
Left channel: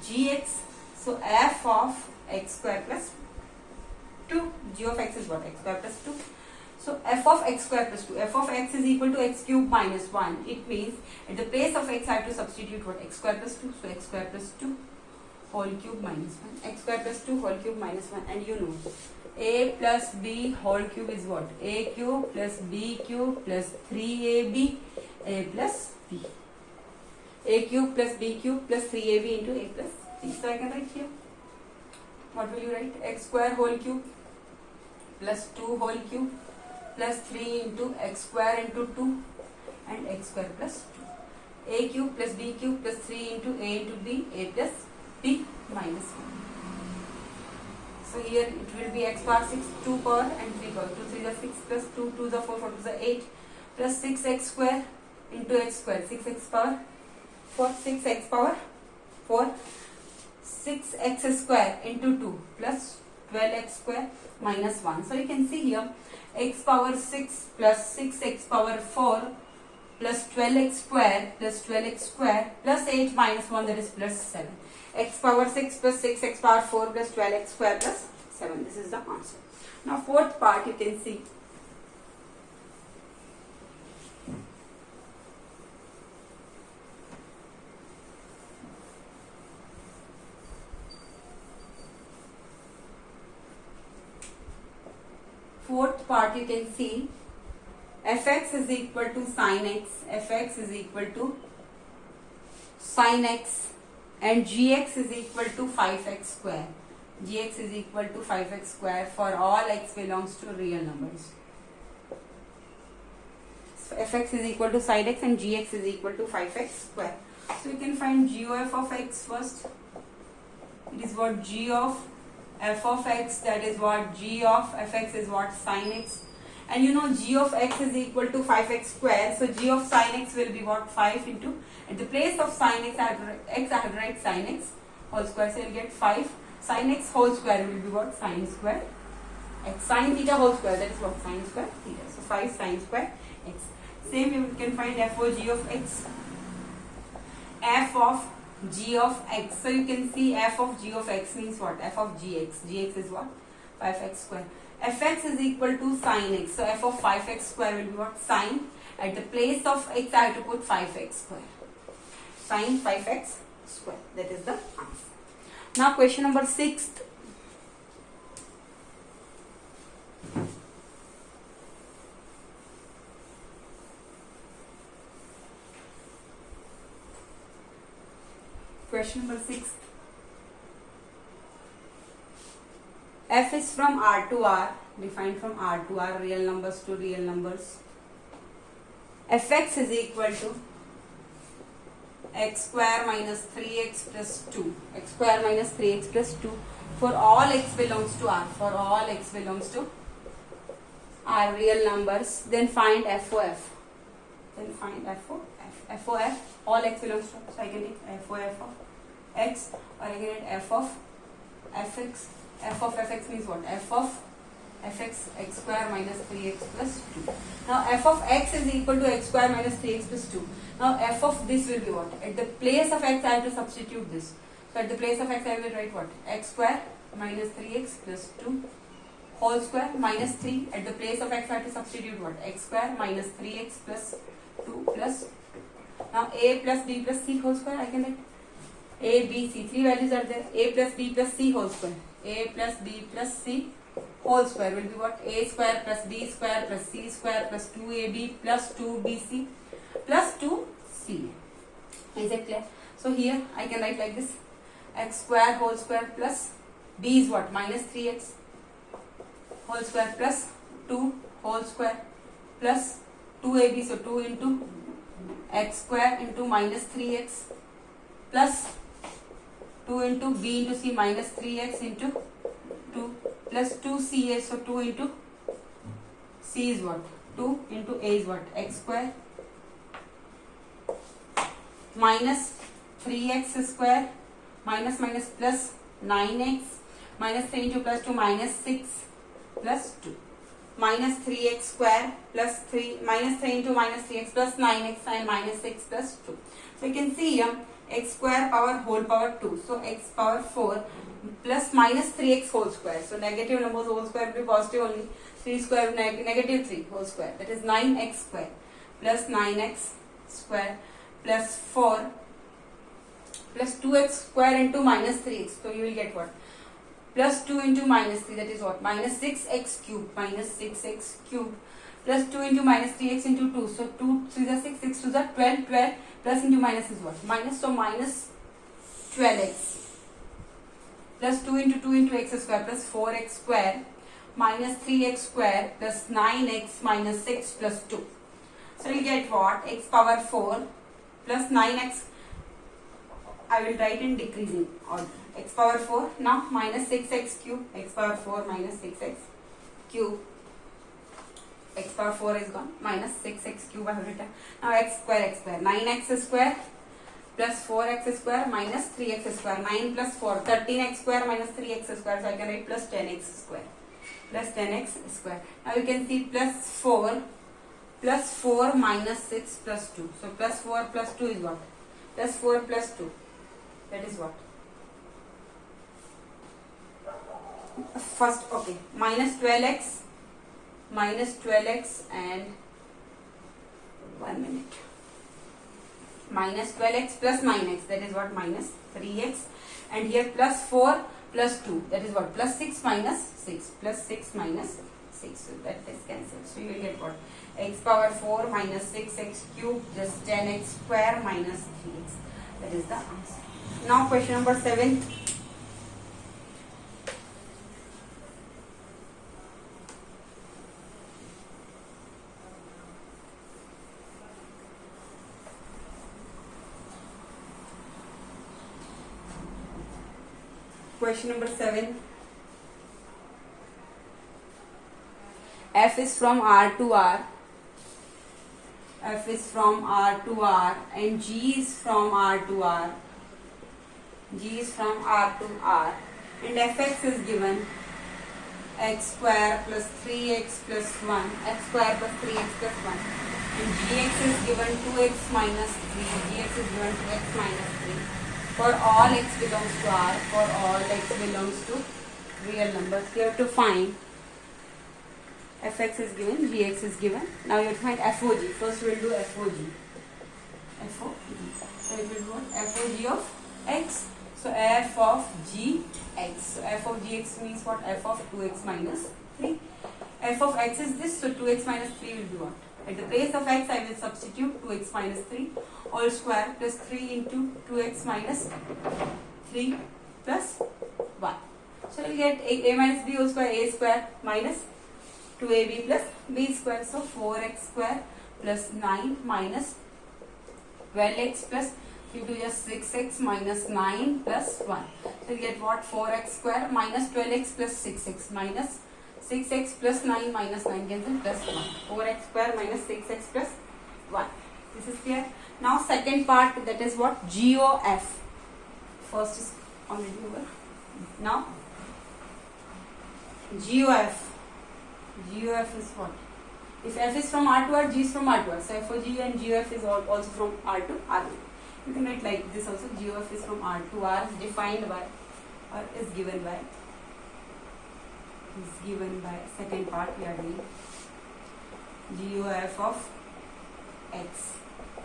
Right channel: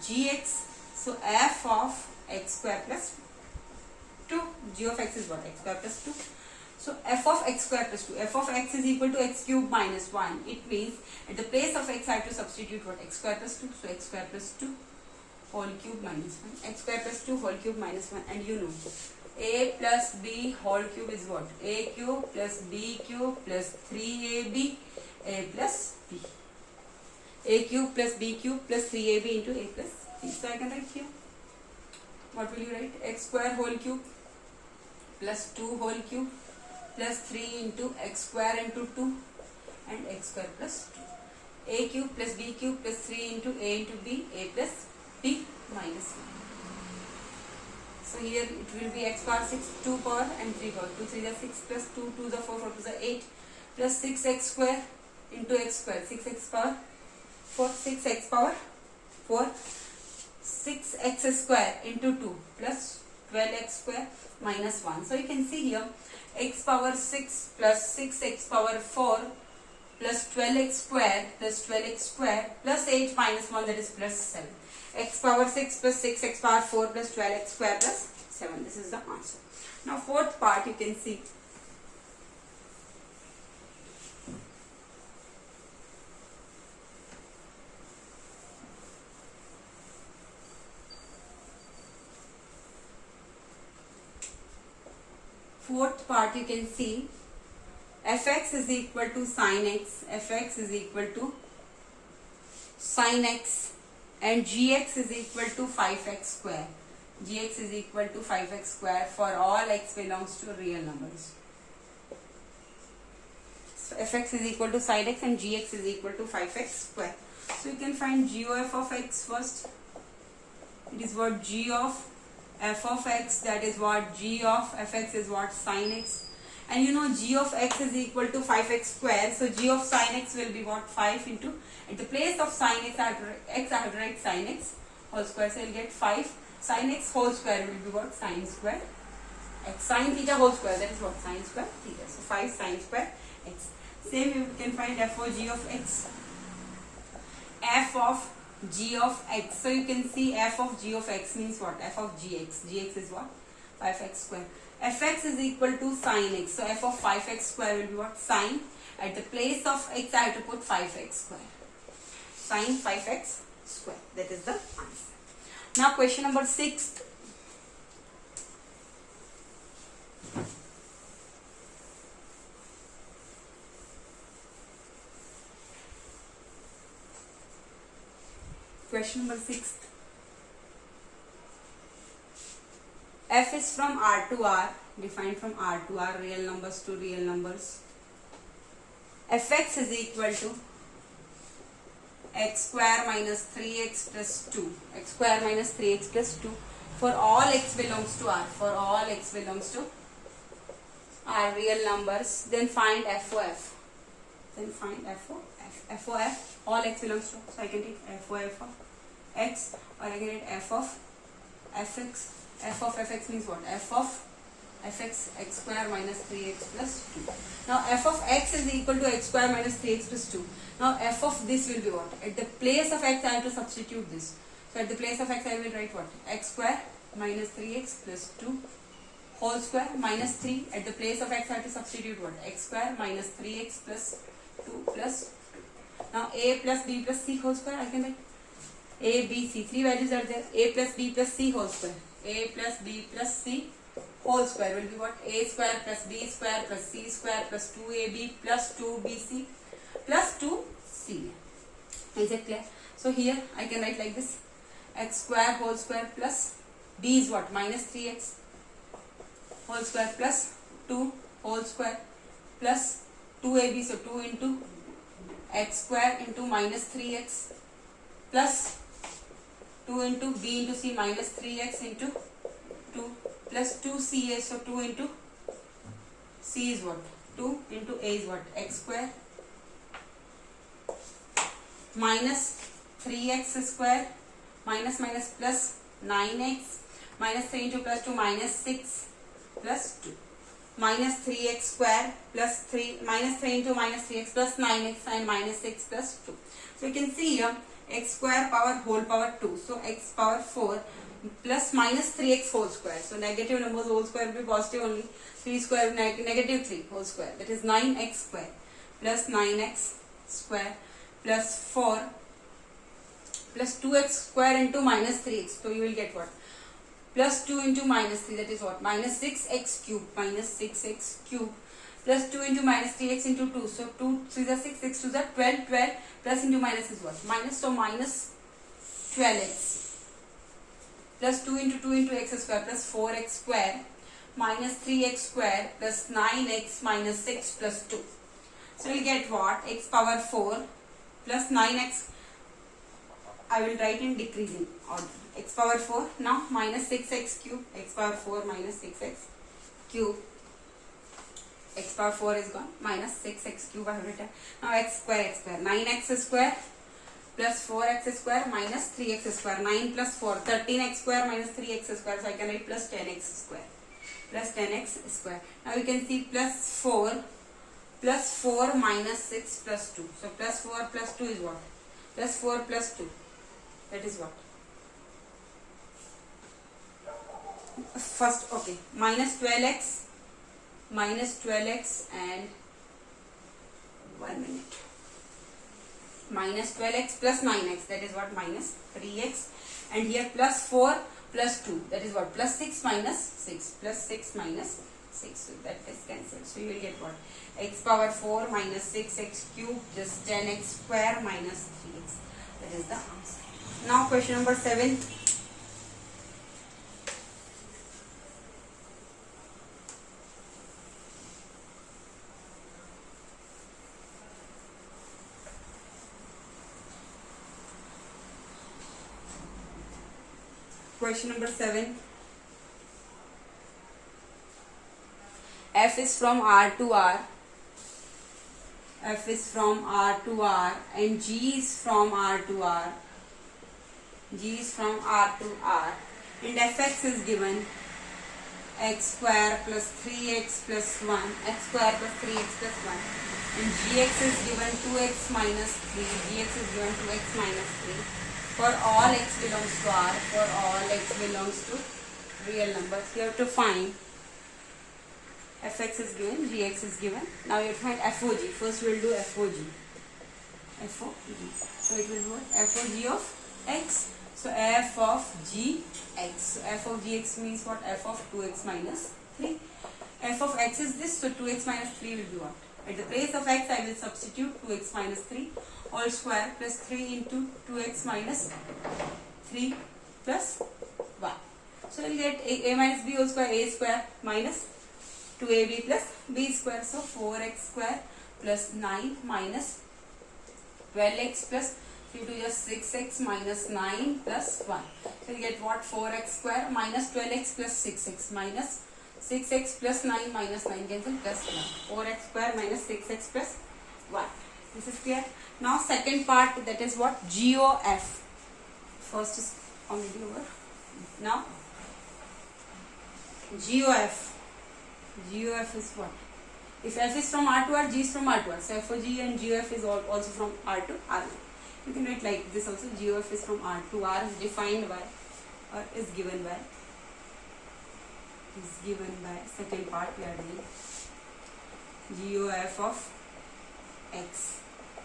gx. So f of x square plus 2. G of x is what? X square plus 2. So f of x square plus 2. F of x is equal to x cube minus 1. It means at the place of x I have to substitute what? X square plus 2. So x square plus 2 whole cube minus 1. X square plus 2 whole cube minus 1. And you know a plus b whole cube is what? A cube plus b cube plus 3ab a plus b. A cube plus b cube plus 3ab into a plus b. So I can write here. What will you write? X square whole cube plus 2 whole cube plus 3 into x square into 2 and x square plus 2. A cube plus b cube plus 3 into a into b, a plus b minus 1. So here it will be x power 6, 2 power and 3 power. 2 3 is 6 plus 2, 2 is 4, 4 2 is 8 plus 6x square into x square. 6x power 4, 6x power 4, 6x square into 2 plus 12x square minus 1. So you can see here x power 6 plus 6x power 4 plus 12x square plus 8 minus 1, that is plus 7. X power 6 plus 6x power 4 plus 12x square plus 7. This is the answer. Now fourth part you can see. Fourth part you can see fx is equal to sin x, fx is equal to sin x and gx is equal to 5x square. Gx is equal to 5x square for all x belongs to real numbers. So fx is equal to sin x and gx is equal to 5x square. So you can find GOF of x first. It is what g of f of x, that is what g of fx is what sin x. And you know g of x is equal to 5x square. So g of sin x will be what? 5 into, at the place of sin x I have to write sin x whole square. So you will get 5 sin x whole square will be what? Sin square x. Sin theta whole square, that is what? Sin square theta. So 5 sin square x. Same you can find f of g of x. F of g of x. So you can see f of g of x means what? F of gx. Gx is what? 5x square. Fx is equal to sin x. So f of 5x square will be what? Sin. At the place of x I have to put 5x square. Sin 5x square. That is the answer. Now question number 6. Question number 6. F is from R to R, defined from R to R, real numbers to real numbers. Fx is equal to x square minus 3x plus 2. X square minus 3x plus 2 for all x belongs to R. For all x belongs to R real numbers. Then find FOF. Then find FOF. FOF, all x belongs to R. So I can take FOF of x, or I can get f of fx. F of fx means what? F of fx x square minus 3x plus 2. Now f of x is equal to x square minus 3x plus 2. Now f of this will be what? At the place of x I have to substitute this. So at the place of x I will write what? X square minus 3x plus 2 whole square minus 3. At the place of x I have to substitute what? X square minus 3x plus 2 plus 2. Now a plus b plus c whole square I can write. A, B, C. 3 values are there. A plus B plus C whole square. A plus B plus C whole square will be what? A square plus B square plus C square plus 2AB plus 2BC plus 2C. Is it clear? So here I can write like this. X square whole square plus B is what? Minus 3x whole square plus 2 whole square plus 2AB. So 2 into x square into minus 3x plus 2 into b into c minus 3x into 2 plus 2ca. So 2 into c is what? 2 into a is what? X square minus 3x square minus minus plus 9x minus 3 into plus 2 minus 6 plus 2 minus 3x square plus 3 minus 3 into minus 3x plus 9x and minus 6 plus 2. So you can see here x square power whole power 2. So x power 4 plus minus 3x whole square. So negative numbers whole square will be positive only. 3 square negative 3 whole square. That is 9x square plus 9x square plus 4 plus 2x square into minus 3x. So you will get what? Plus 2 into minus 3, that is what? Minus 6x cube. Minus 6x cube. Plus 2 into minus 3x into 2. So 2 3 is 6, 6 2 is 12, 12 plus into minus is what? Minus, so minus 12x. Plus 2 into x square plus 4x square minus 3x square plus 9x minus 6 plus 2. So you get what? X power 4 plus 9x. I will write in decreasing order. X power 4 now minus 6x cube. X power 4 minus 6x cube. X power 4 is gone. Minus 6x cube I have written. Now x square 9x square plus 4x square minus 3x square. 9 plus 4 13x square minus 3x square. So I can write plus 10x square. Plus 10x square. Now we can see plus 4 minus 6 plus 2. So plus 4 plus 2 is what? Plus 4 plus 2. That is what? First, okay. Minus 12x and 1 minute. Minus 12x plus 9x. That is what? Minus 3x. And here plus 4 plus 2. That is what? Plus 6 minus 6. Plus 6 minus 6. So that is cancelled. So you will get what? X power 4 minus 6x cube just 10x square minus 3x. That is the answer. Now question number 7. Question number 7. F is from R to R. F is from R to R and G is from R to R. G is from R to R and fx is given x square plus 3x plus 1, x square plus 3x plus 1 and gx is given 2x minus 3, gx is given 2x minus 3 for all x belongs to R, for all x belongs to real numbers. You have to find fx is given, gx is given. Now you have to find FOG. First we will do FOG. FOG. So it will be what? FOG of x. So f of gx. So f of gx means what? F of 2x minus 3. F of x is this, so 2x minus 3 will be what? At the place of x I will substitute 2x minus 3 all square plus 3 into 2x minus 3 plus 1. So you get a minus b whole square minus 2ab plus b square. So 4x square plus 9 minus 12x plus 3 to just 6x minus 9 plus 1. So you get what? 4x square minus 12x plus 6x minus 6x plus 9 minus 9 cancel plus 1. 4x square minus 6x plus 1. This is clear. Now second part, that is what? GOF. First is already over. Now GOF. GOF is what? If F is from R to R, G is from R to R. So FOG and GOF is also from R to R. You can write like this also. GOF is from R to R, is defined by or is given by. Is given by second part we are doing. GOF of x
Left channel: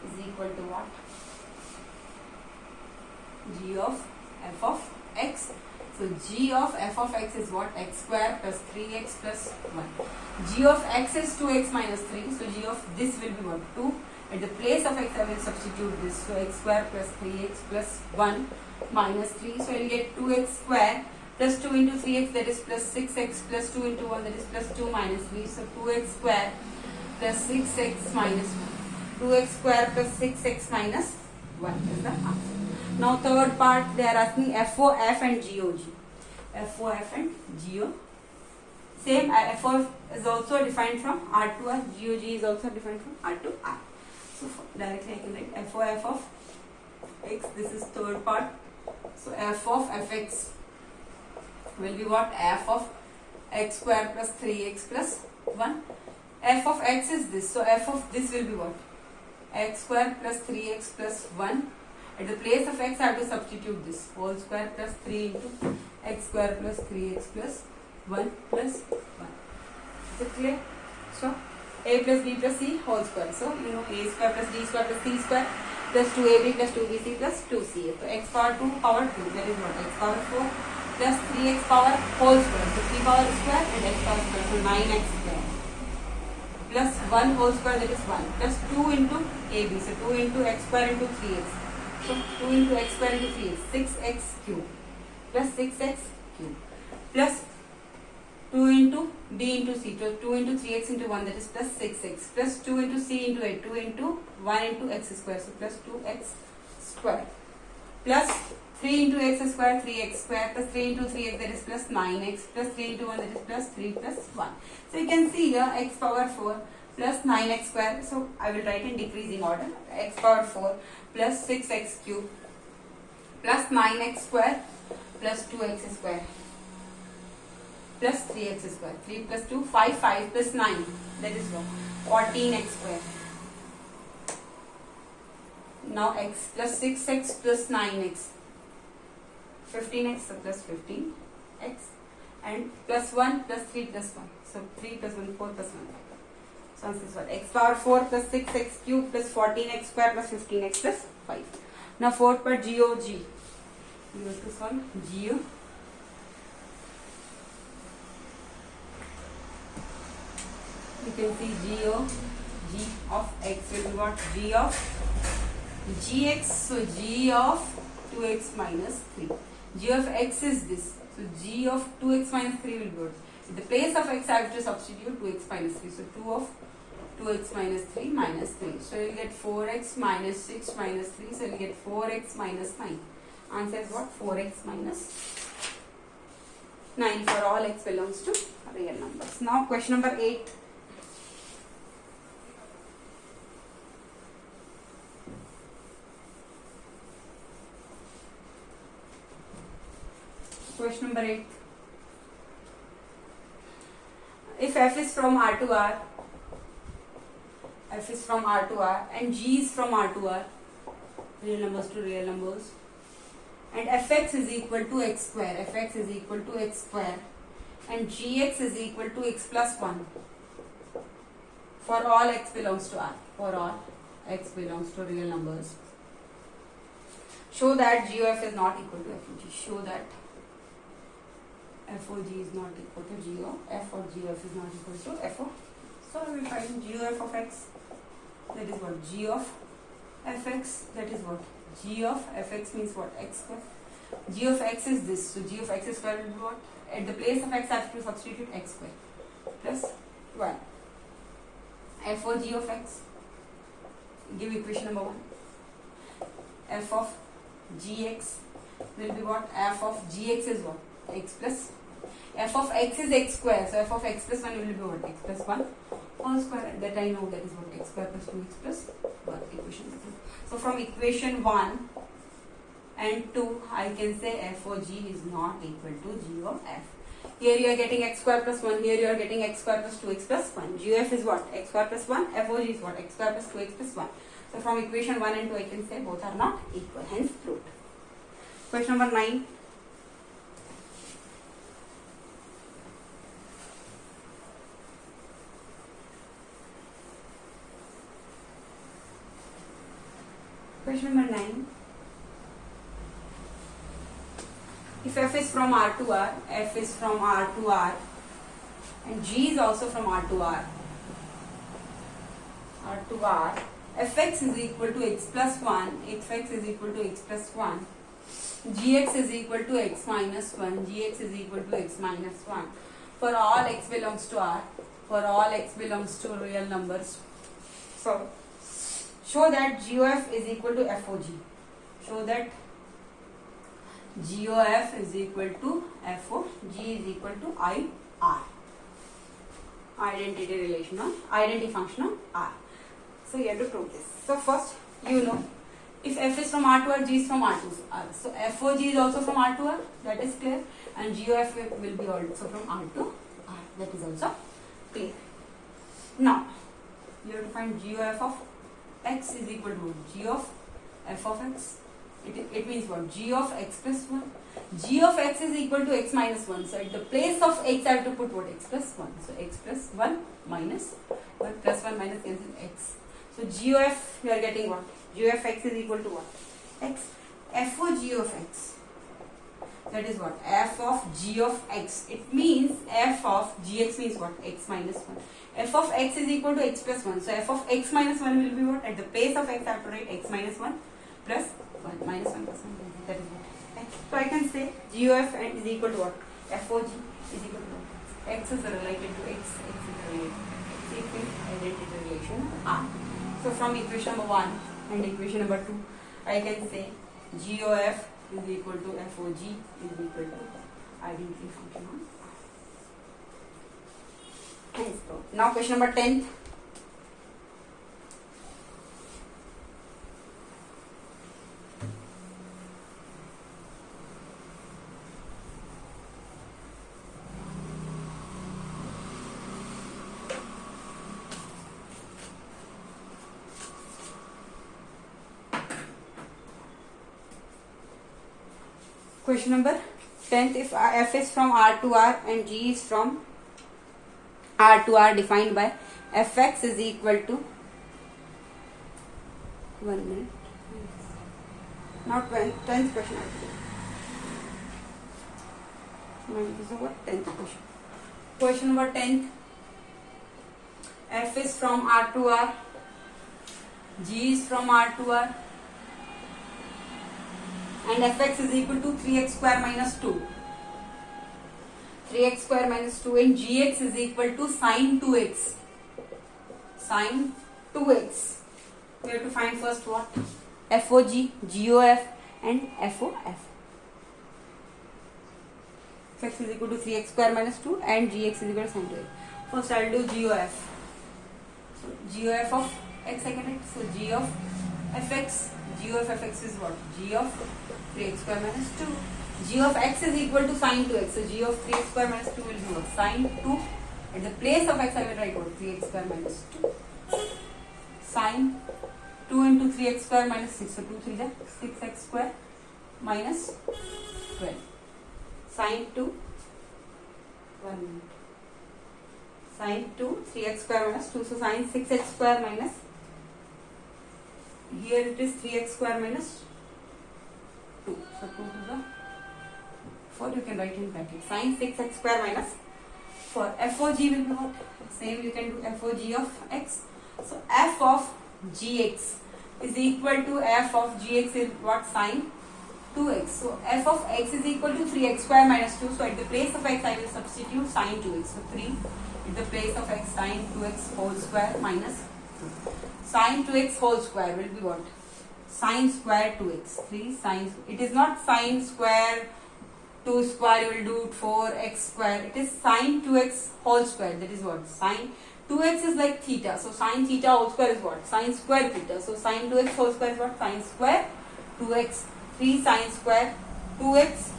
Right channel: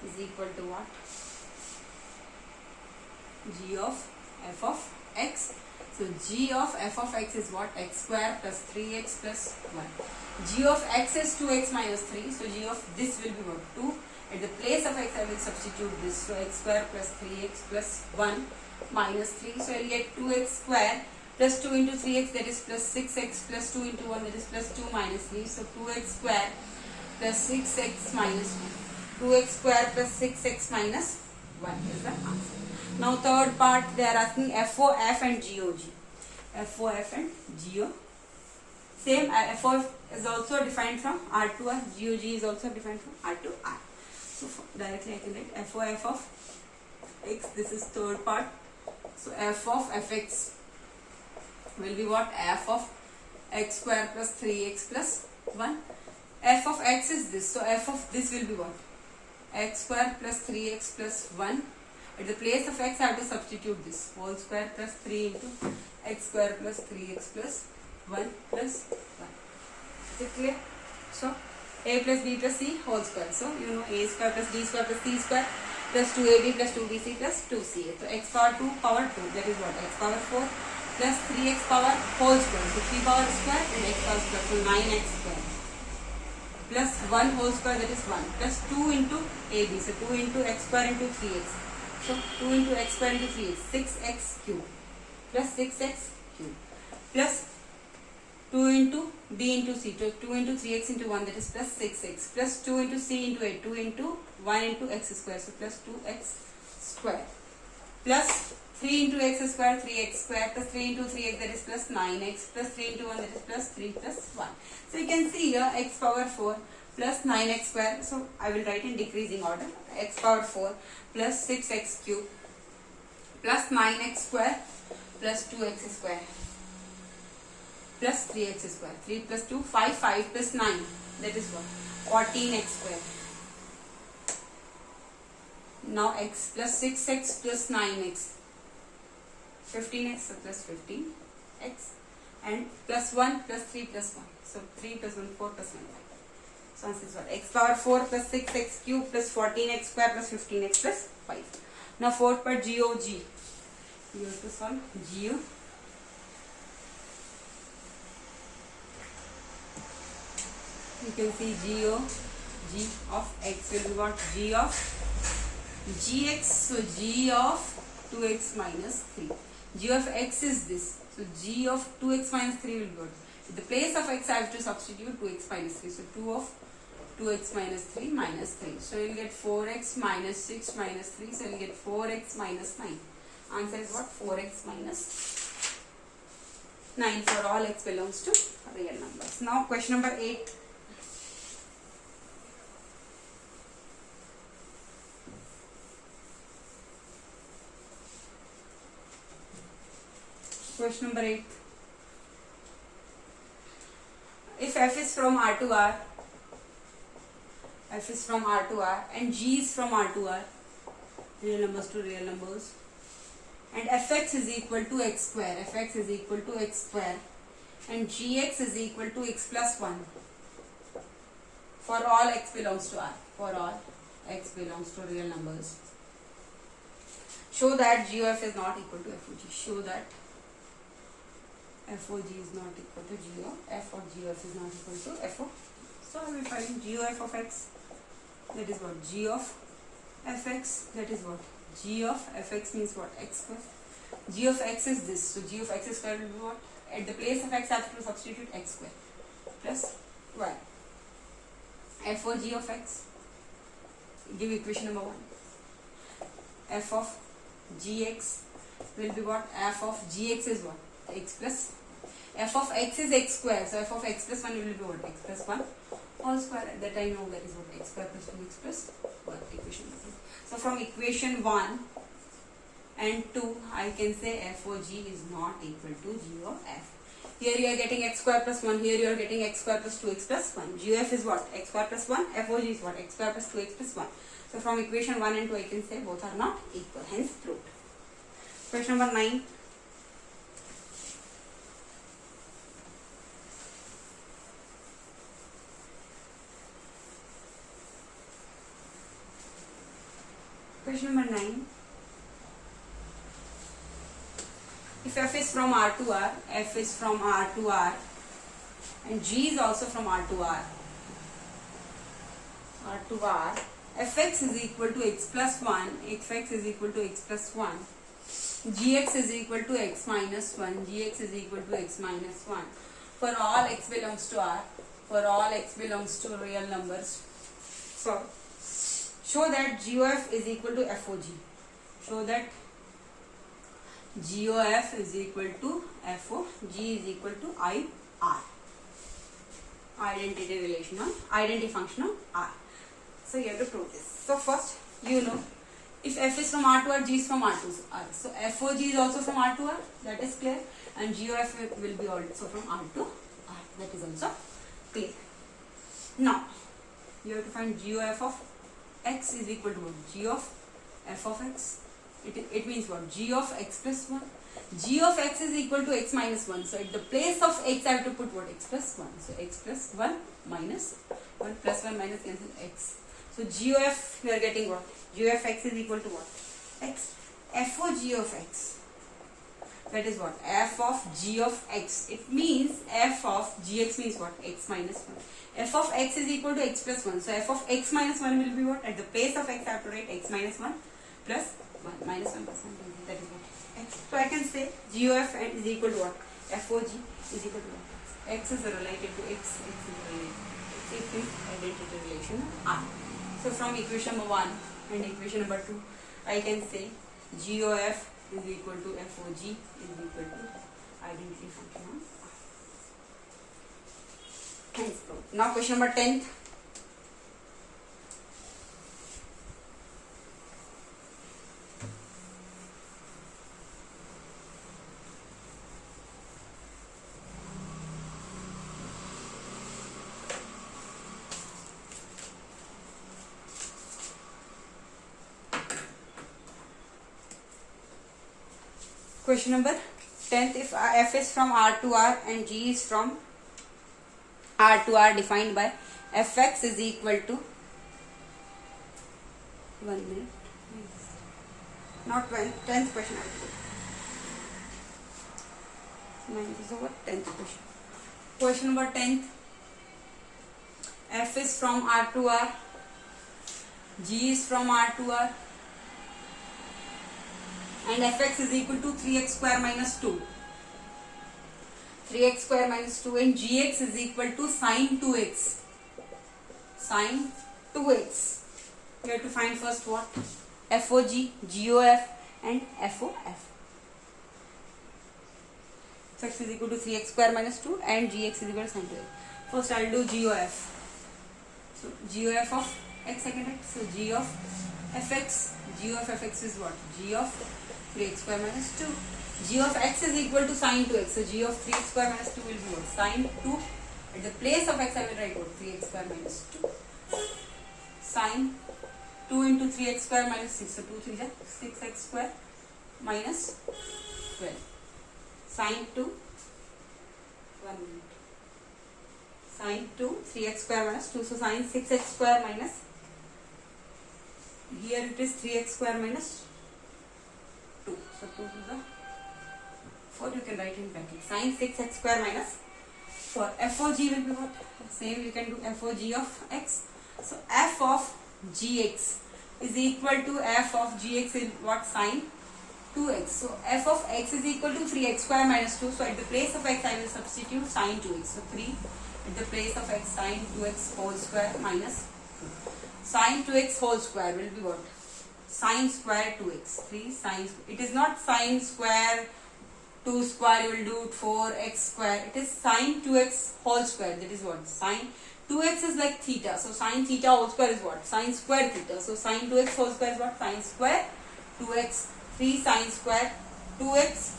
is equal to what? G of f of x. So G of f of x is what? X square plus 3x plus 1. G of x is 2x minus 3. So G of this will be what? 2. At the place of x I will substitute this. So x square plus 3x plus 1 minus 3. So I will get 2x square plus 2 into 3x, that is plus 6x plus 2 into 1, that is plus 2 minus 3. So 2x square plus 6x minus 1. 2x square plus 6x minus 1 is the answer. Now third part, they are asking FOF and GOG. FOF and GO. Same, FOF is also defined from R to R. GOG is also defined from R to R. So directly I can write FOF of x. This is third part. So f of fx will be what? F of x square plus 3x plus 1. F of x is this. So f of this will be what? X square plus 3x plus 1. At the place of x I have to substitute this. Whole square plus 3 into x square plus 3x plus 1 plus 1. Is it clear? So a plus b plus c whole square. So you know a square plus d square plus c square plus 2ab plus 2bc plus 2ca. So x power 2 power 2, that is what, x power 4 plus 3x power whole square, so 3 power square and x power square, so 9x square plus 1 whole square, that is 1, plus 2 into ab, so 2 into x square into 3x, so 2 into x square into 3x, 6x cube plus 6x cube plus 2 into b into c, so 2 into 3x into 1, that is plus 6x, plus 2 into c into 8, 2 into 1 into x square, so plus 2x square, plus 3 into x square, 3x square, plus 3 into 3x, that is plus 9x, plus 3 into 1, that is plus 3 plus 1. So you can see here x power 4 plus 9x square, so I will write in decreasing order, x power 4 plus 6x cube plus 9x square plus 2x square plus 3x square, 3 plus 2, 5, 5 plus 9, that is what, 14x square. Now x plus 6x plus 9x, 15x, so plus 15x, and plus 1 plus 3 plus 1, so 3 plus 1, 4 plus 1, 5. So answer is what, x power 4 plus 6x cube plus 14x square plus 15x plus 5. Now fourth part, GOG. Use this one, GO. You can see G of x will be what, G of gx, so G of 2x minus 3. G of x is this, so G of 2x minus 3 will be what? In the place of x I have to substitute 2x minus 3, so 2 of 2x minus 3 minus 3. So you will get 4x minus 6 minus 3, so you will get 4x minus 9. Answer is what, 4x minus 9 for all x belongs to real numbers. Now question number 8. Question number 8. If f is from R to R, f is from R to R, and g is from R to R, real numbers to real numbers, and fx is equal to x square, fx is equal to x square, and gx is equal to x plus 1 for all x belongs to R, for all x belongs to real numbers. Show that g of f is not equal to f of g. Show that f of g is not equal to g of f, or g of f is not equal to f of. So we find g of f of x, that is what, g of fx, that is what, g of fx means what, x square. G of x is this, so g of x square will be what, at the place of x I have to substitute x square plus 1. F for g of x, give equation number 1. F of gx will be what, f of gx is what, x plus, f of x is x square, so f of x plus 1 will be what, x plus 1 whole square, that I know, that is what, x square plus 2x plus 1, equation number 2. So from equation 1 and 2 I can say f of g is not equal to g of f. Here you are getting x square plus 1, here you are getting x square plus 2x plus 1. G of f is what, x square plus 1, f of g is what, x square plus 2x plus 1. So from equation 1 and 2 I can say both are not equal, hence proved. Question number 9. Question number 9. If f is from R to R, f is from R to R, and g is also from R to R, R to R, fx is equal to x plus 1, fx is equal to x plus 1, gx is equal to x minus 1, gx is equal to x minus 1. For all x belongs to R, for all x belongs to real numbers. So, show that g of f is equal to f of g. Show that g of f is equal to f of g is equal to I R. Identity relation of identity function of R. So you have to prove this. So first, you know, if f is from R to R, g is from R to R. So f of g is also from R to R, that is clear, and g of f will be also from R to R, that is also clear. Now, you have to find g of f of x is equal to g of f of x. It means what? G of x plus 1. G of x is equal to x minus 1. So at the place of x I have to put what? X plus 1. So x plus 1 minus 1 plus 1 minus cancel x. So GOF you are getting what? GOF x is equal to what? X. FOG of x. That is what? F of g of x. It means f of gx means what? X minus 1. F of x is equal to x plus 1. So f of x minus 1 will be what? At the place of x I have to write x minus 1 plus 1. Minus 1 plus 1. That is what? X. So I can say GOF is equal to what? FOG is equal to what? X is related to x. X is related to x. X is identity relation R. So from equation number 1 and equation number 2, I can say GOF is equal to FOG is equal to identity function of R. Now question number 10. Question number 10th, if f is from R to R and g is from R to R defined by fx is equal to 1 minute. Not 10th question. 9th is over. 10th question. Question number 10th. F is from R to R. G is from R to R. And fx is equal to 3x square minus 2. 3x square minus 2 and gx is equal to sine 2x. Sine 2x. We have to find first what? FOG, GOF and FOF. Fx is equal to 3x square minus 2 and gx is equal to sine 2x. First I will do GOF. So GOF of x I can write. So G of fx. G of fx is what? G of 3x square minus 2. G of x is equal to sine 2x. So G of 3x square minus 2 will be what? Sine 2. At the place of x I will write what? 3x square minus 2. Sine 2 into 3x square minus 6. So 2 3 is 6x square minus 12. Sine 2. 1 minute. Sine 2 3x square minus 2. So sine 6x square minus, here it is 3x square minus 2. So 2 to the 4 you can write in bracket. Sine 6x square minus 4. FOG will be what? Same you can do FOG of x. So f of gx is equal to f of gx is what? Sine 2x. So f of x is equal to 3x square minus 2. So at the place of x I will substitute sine 2x. So 3 at the place of x sine 2x whole square minus 2. Sine 2x whole square will be what? Sine square 2x. 3 sine. It is not sine square 2 square you will do 4x square. It is sine 2x whole square. That is what? Sine 2x is like theta. So sine theta whole square is what? Sine square theta. So sine 2x whole square is what? Sine square 2x. 3 sine square 2x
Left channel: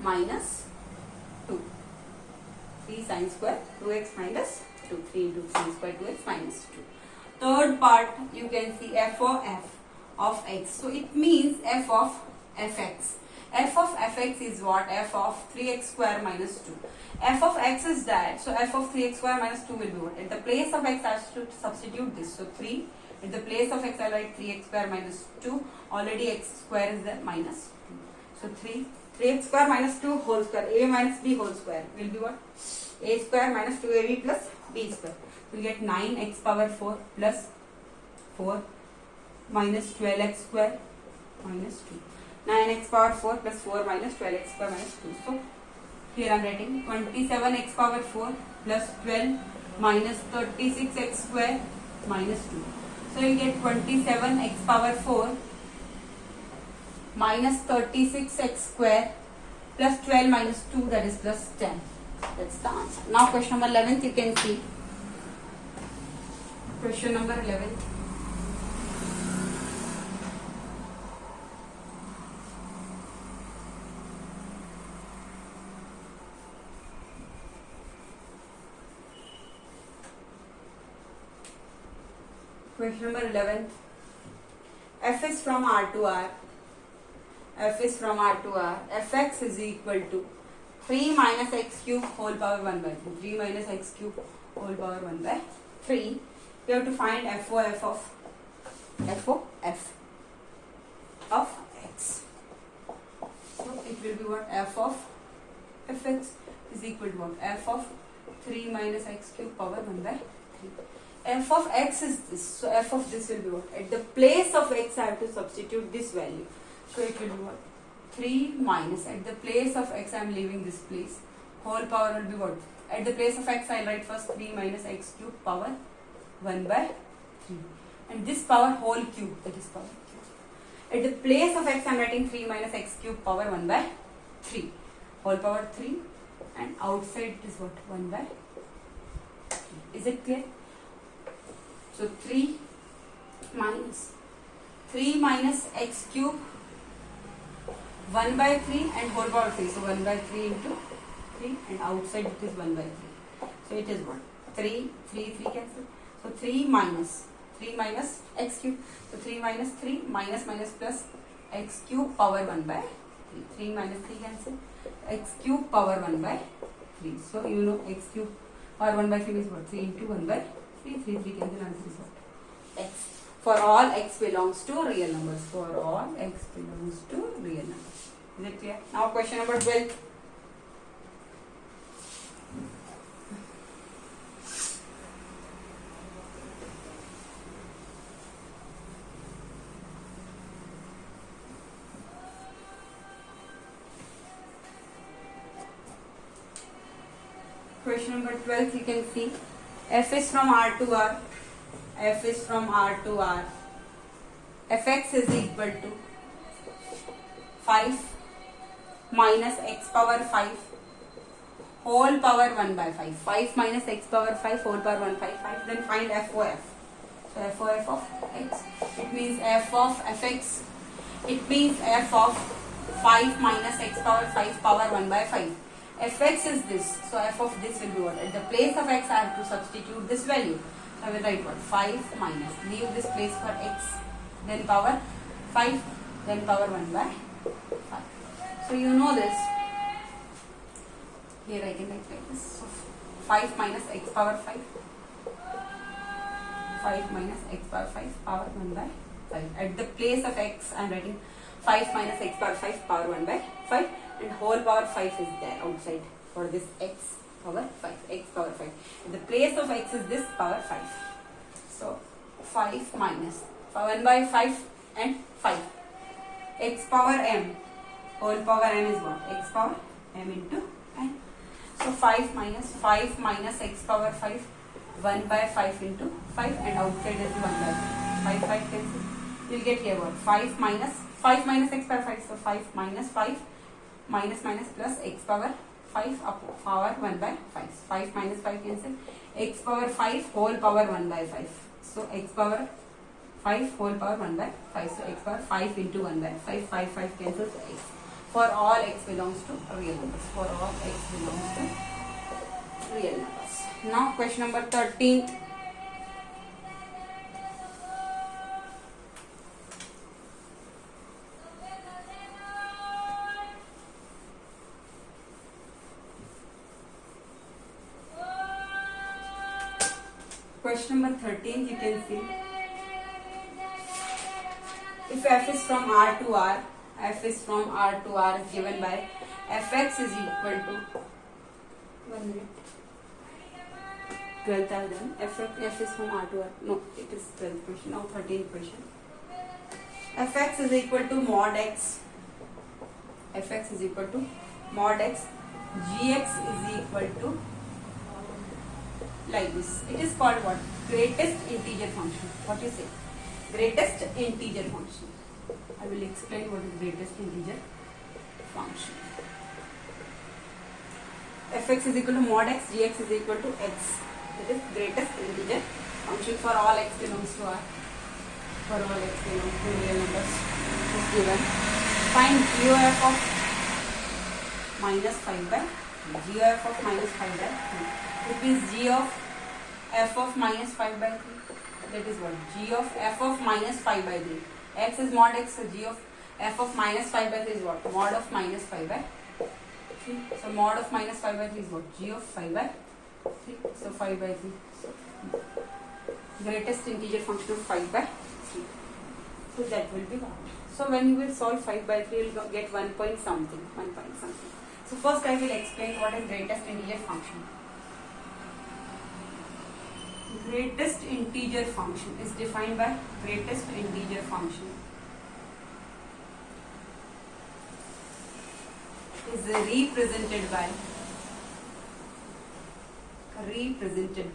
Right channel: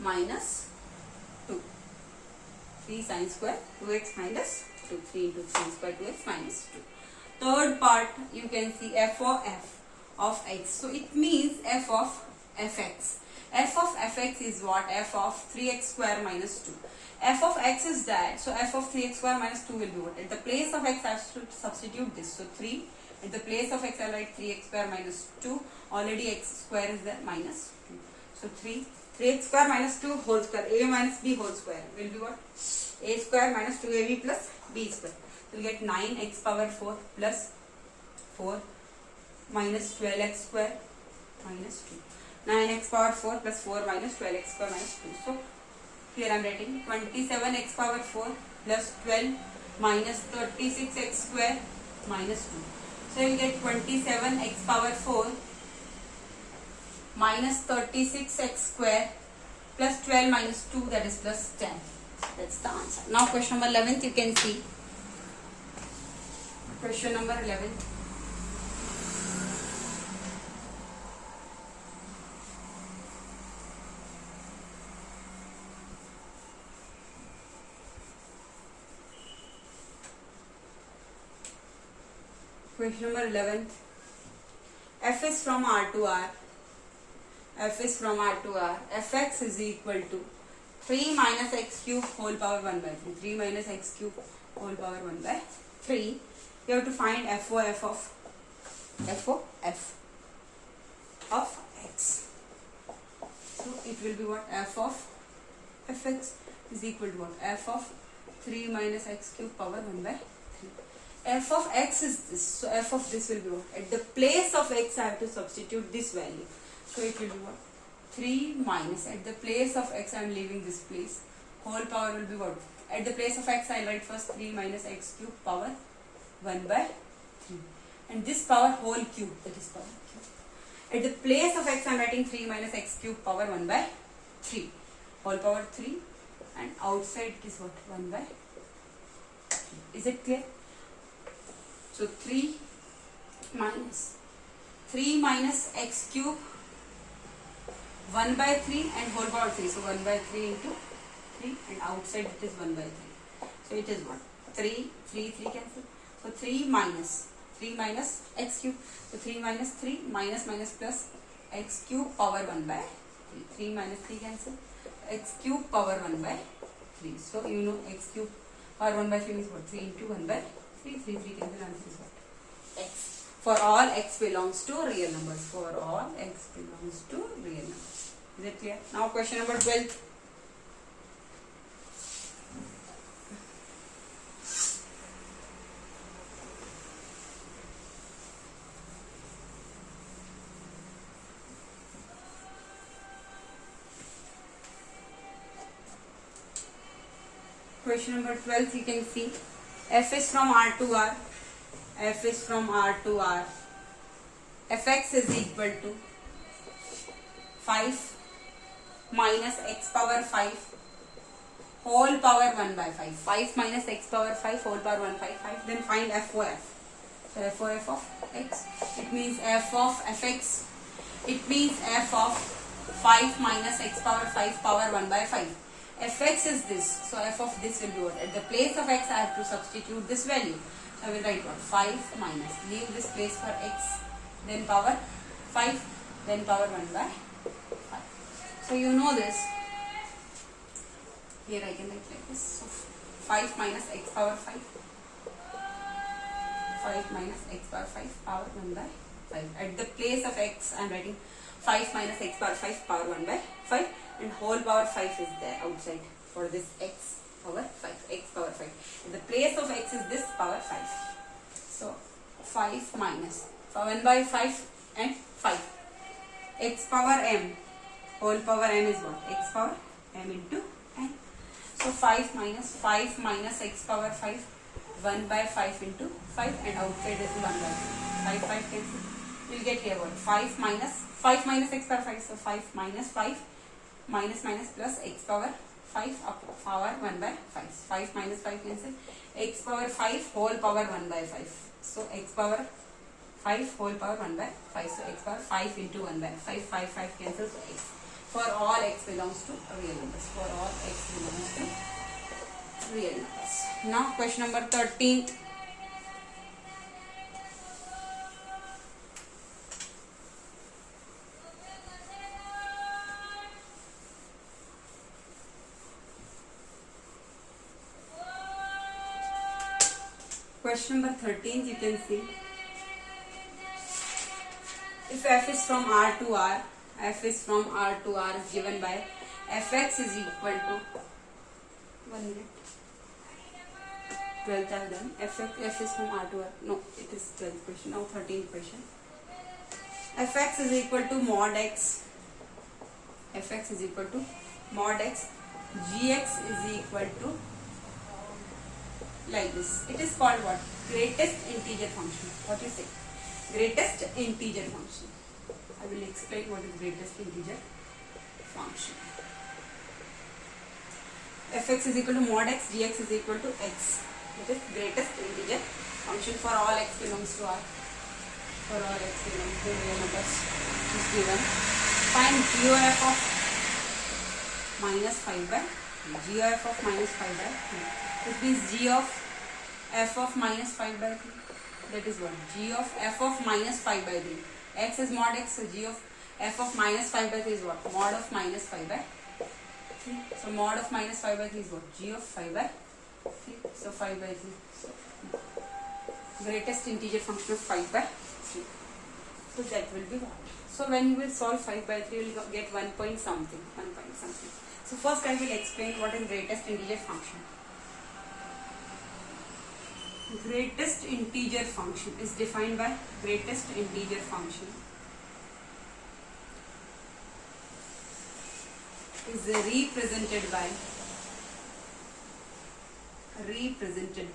minus 2. 3 sine square 2x minus 2. 3 into sine square 2x minus 2. Third part you can see f of x. So it means f of fx. F of fx is what? F of 3x square minus 2. F of x is that. So f of 3x square minus 2 will be what? At the place of x I should substitute this. So 3. At the place of x I write 3x square minus 2. Already x square is there minus 2. So 3x square minus 2 whole square. A minus b whole square will be what? A square minus 2ab plus b square. We will get 9x power 4 plus 4 minus 12x square minus 2. 9x power 4 plus 4 minus 12x square minus 2. So here I am writing 27x power 4 plus 12 minus 36x square minus 2. So you get 27x power 4 minus 36x square plus 12 minus 2, that is plus 10. That's the answer. Now question number 11th you can see. Question number 11. Question number 11. F is from R to R. F is from R to R. Fx is equal to 3 minus x cube whole power 1 by 3. 3 minus x cube whole power 1 by 3. you have to find FOF of x. So it will be what? F of fx is equal to what? F of 3 minus x cube power 1 by 3. F of x is this. So f of this will be what? At the place of x I have to substitute this value. So it will be what? 3 minus, at the place of x I am leaving this place. Whole power will be what? At the place of x I will write first 3 minus x cube power 1 by 3. And this power whole cube, that is power cube. At the place of x I am writing 3 minus x cube power 1 by 3. Whole power 3, and outside it is what? 1 by 3. Is it clear? So 3 minus x cube 1 by 3 and whole power 3. So 1 by 3 into 3, and outside it is 1 by 3. So it is what? 3 cancel. So 3 minus x cube. So 3 minus 3 minus plus x cube power 1 by 3. 3 minus 3 cancel. X cube power 1 by 3. So you know x cube power 1 by 3 is what? 3 into 1 by 3. 3 cancel, answer is what? X. For all x belongs to real numbers. For all x belongs to real numbers. Is it clear? Now question number 12. Question number 12, you can see f is from R to R. F is from R to R. Fx is equal to 5 minus x power 5 whole power 1 by 5. 5 minus x power 5 whole power 1 by 5. Then find FOF. So FOF of x. It means f of fx. It means f of 5 minus x power 5 power 1 by 5. Fx is this. So f of this will be what? At the place of x I have to substitute this value. I will write what? 5 minus. Leave this place for x. Then power 5. Then power 1 by 5. So you know this. Here I can write like this. So 5 minus x power 5. 5 minus x power 5 power 1 by 5. At the place of x I am writing 5 minus x power 5 power 1 by 5. And whole power 5 is there outside for this x power 5. X power 5. In the place of x is this power 5. So 5 minus 1 by 5 and 5. X power m. Whole power m is what? X power m into n. So 5 minus x power 5. 1 by 5 into 5, and outside is 1 by 5. 5 cancel. We will get here what? 5 minus x power 5. So 5 minus 5 minus plus x power 5 up power 1 by 5. 5 minus 5 cancel. X power 5 whole power 1 by 5. So x power 5 whole power 1 by 5. So x power 5 into 1 by 5. 5 cancels. So x. For all x belongs to real numbers. For all x belongs to real numbers. Now question number 13. Question number 13, you can see if f is from R to R, f is from R to R is given by fx is equal to 1 minute. 12th I have done. F is from R to R. No, it is 12th question. Now 13th question. Fx is equal to mod x. Fx is equal to mod x. Gx is equal to like this. It is called what? Greatest integer function. What you say? Greatest integer function. I will explain what is greatest integer function. Fx is equal to mod x, gx is equal to x. It is greatest integer function for all x belongs to R. For all x belongs to real numbers is given. Find GOF of minus 5 by 3. GOF of minus 5 by 3. It means g of f of minus 5 by 3. That is what? G of f of minus 5 by 3. X is mod x, so g of f of minus 5 by 3 is what? Mod of minus 5 by 3. So mod of minus 5 by 3 is what? G of 5 by 3. So 5 by 3. So greatest integer function of 5 by 3. So that will be 1. So when you will solve 5 by 3, you will get 1 point something. So first I will explain what is greatest integer function. Greatest integer function is defined by greatest integer function is represented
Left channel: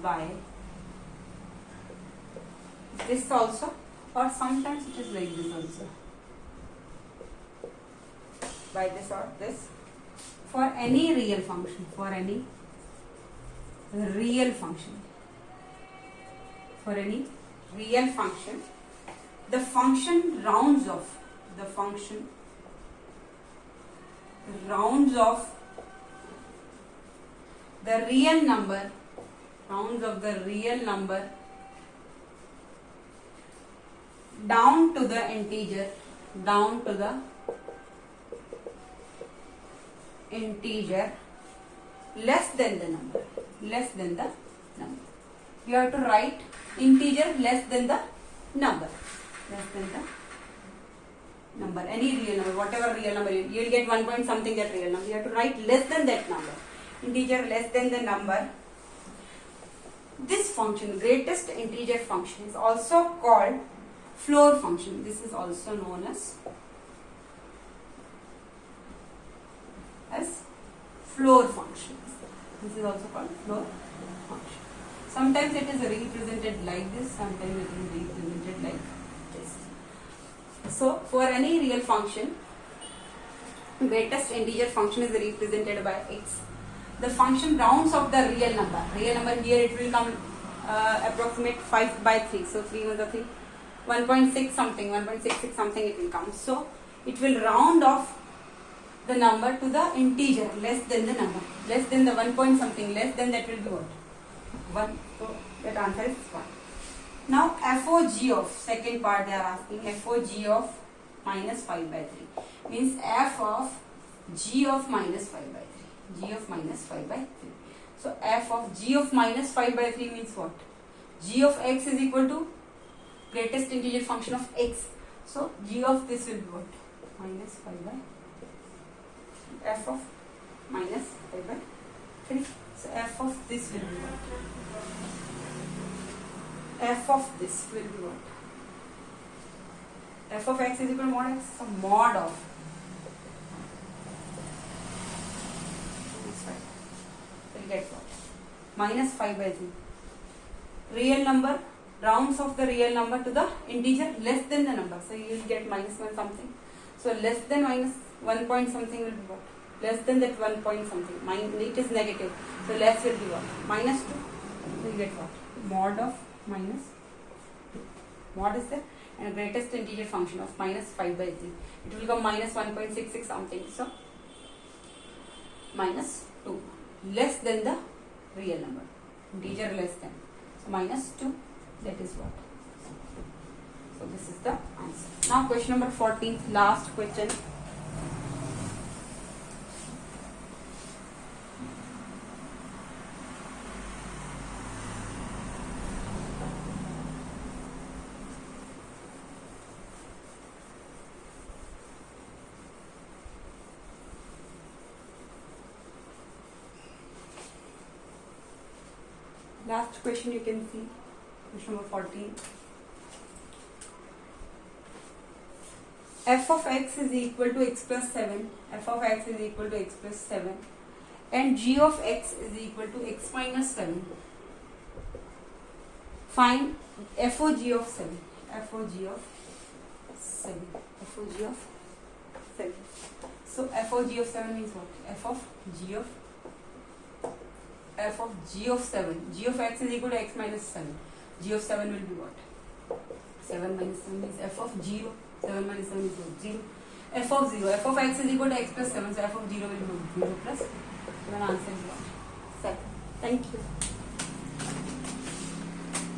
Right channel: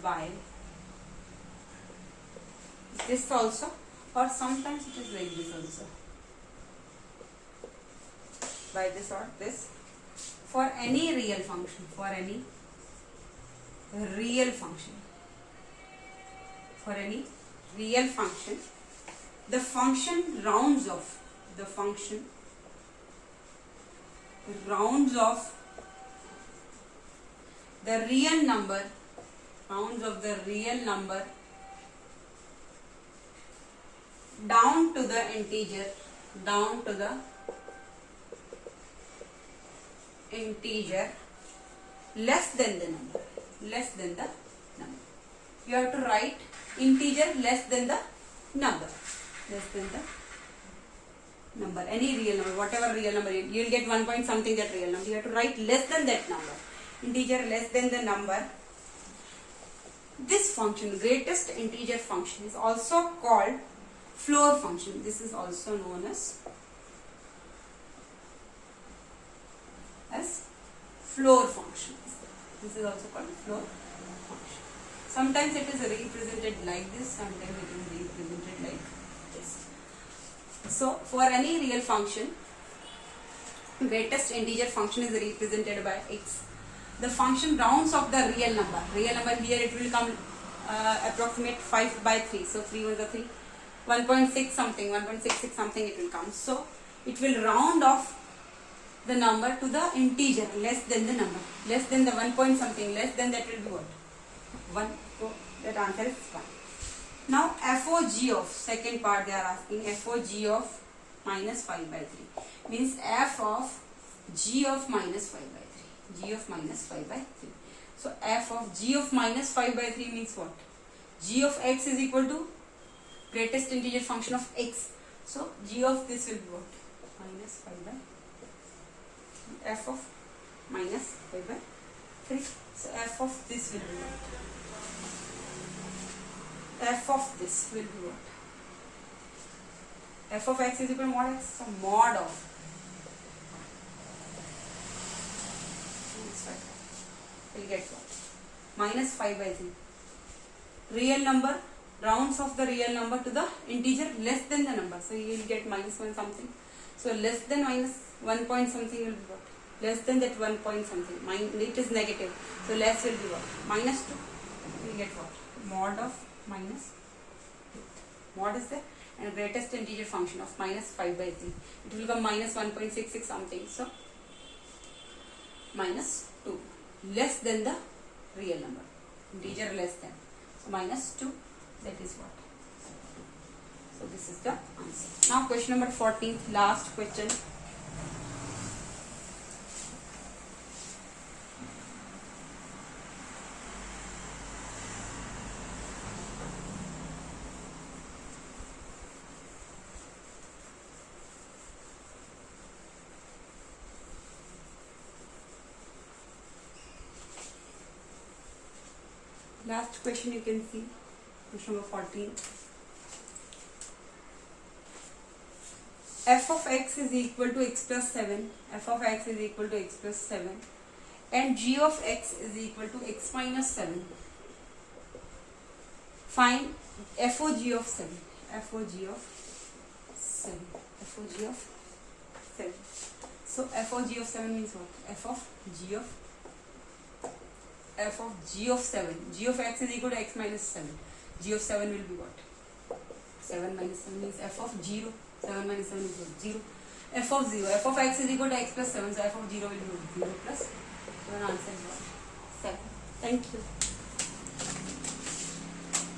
by this also, or sometimes it is like this also, by this or this, for any real function, the function rounds off the real number down to the integer less than the number. You have to write integer less than the number. Any real number, whatever real number, you will get 1 point something that real number. You have to write less than that number. Integer less than the number. This function, greatest integer function, is also called floor function. This is also known as floor function. This is also called floor function. Sometimes it is represented like this, sometimes it is represented like this. So for any real function, greatest integer function is represented by x. The function rounds off the real number. Here it will come approximate 5 by 3. So 3 1 3. 1.6 something, 1.66 something it will come. So it will round off the number to the integer less than the number. Less than the 1 point something, less than that will be what? 1. So that answer is 1. Now FOG of, second part they are asking, FOG of minus 5 by 3. Means f of g of minus 5 by 3. G of minus 5 by 3. So f of g of minus 5 by 3 means what? G of x is equal to greatest integer function of x. So g of this will be what? Minus 5 by 3. F of minus 5 by 3. So f of this will be what? F of this will be what? F of x is equal to mod x. So mod of will get what? Minus 5 by 3. Real number rounds off the real number to the integer less than the number. So you will get minus 1 something. So less than minus 1 point something will be what? Less than that 1 point something. It is negative. So less will be what? Minus 2. So you get what? Mod of minus 2. Mod is the greatest integer function of minus 5 by 3. It will become minus 1.66 something. So minus 2. Less than the real number. Integer less than. So minus 2. That is what? So this is the answer. Now question number 14, last question. Last question you can see. Question number 14. F of x is equal to x plus 7. F of x is equal to x plus 7. And g of x is equal to x minus 7. Find FOG of 7. FOG of 7. FOG of 7. So FOG of 7 means what? F of g of 7. G of x is equal to x minus 7. G of 7 will be what? 7 minus 7 means f of 0. 7 minus 7 is what? 0. F of 0. F of x is equal to x plus 7. So f of 0 will be 0 plus 7. Answer is what? 7. Thank you.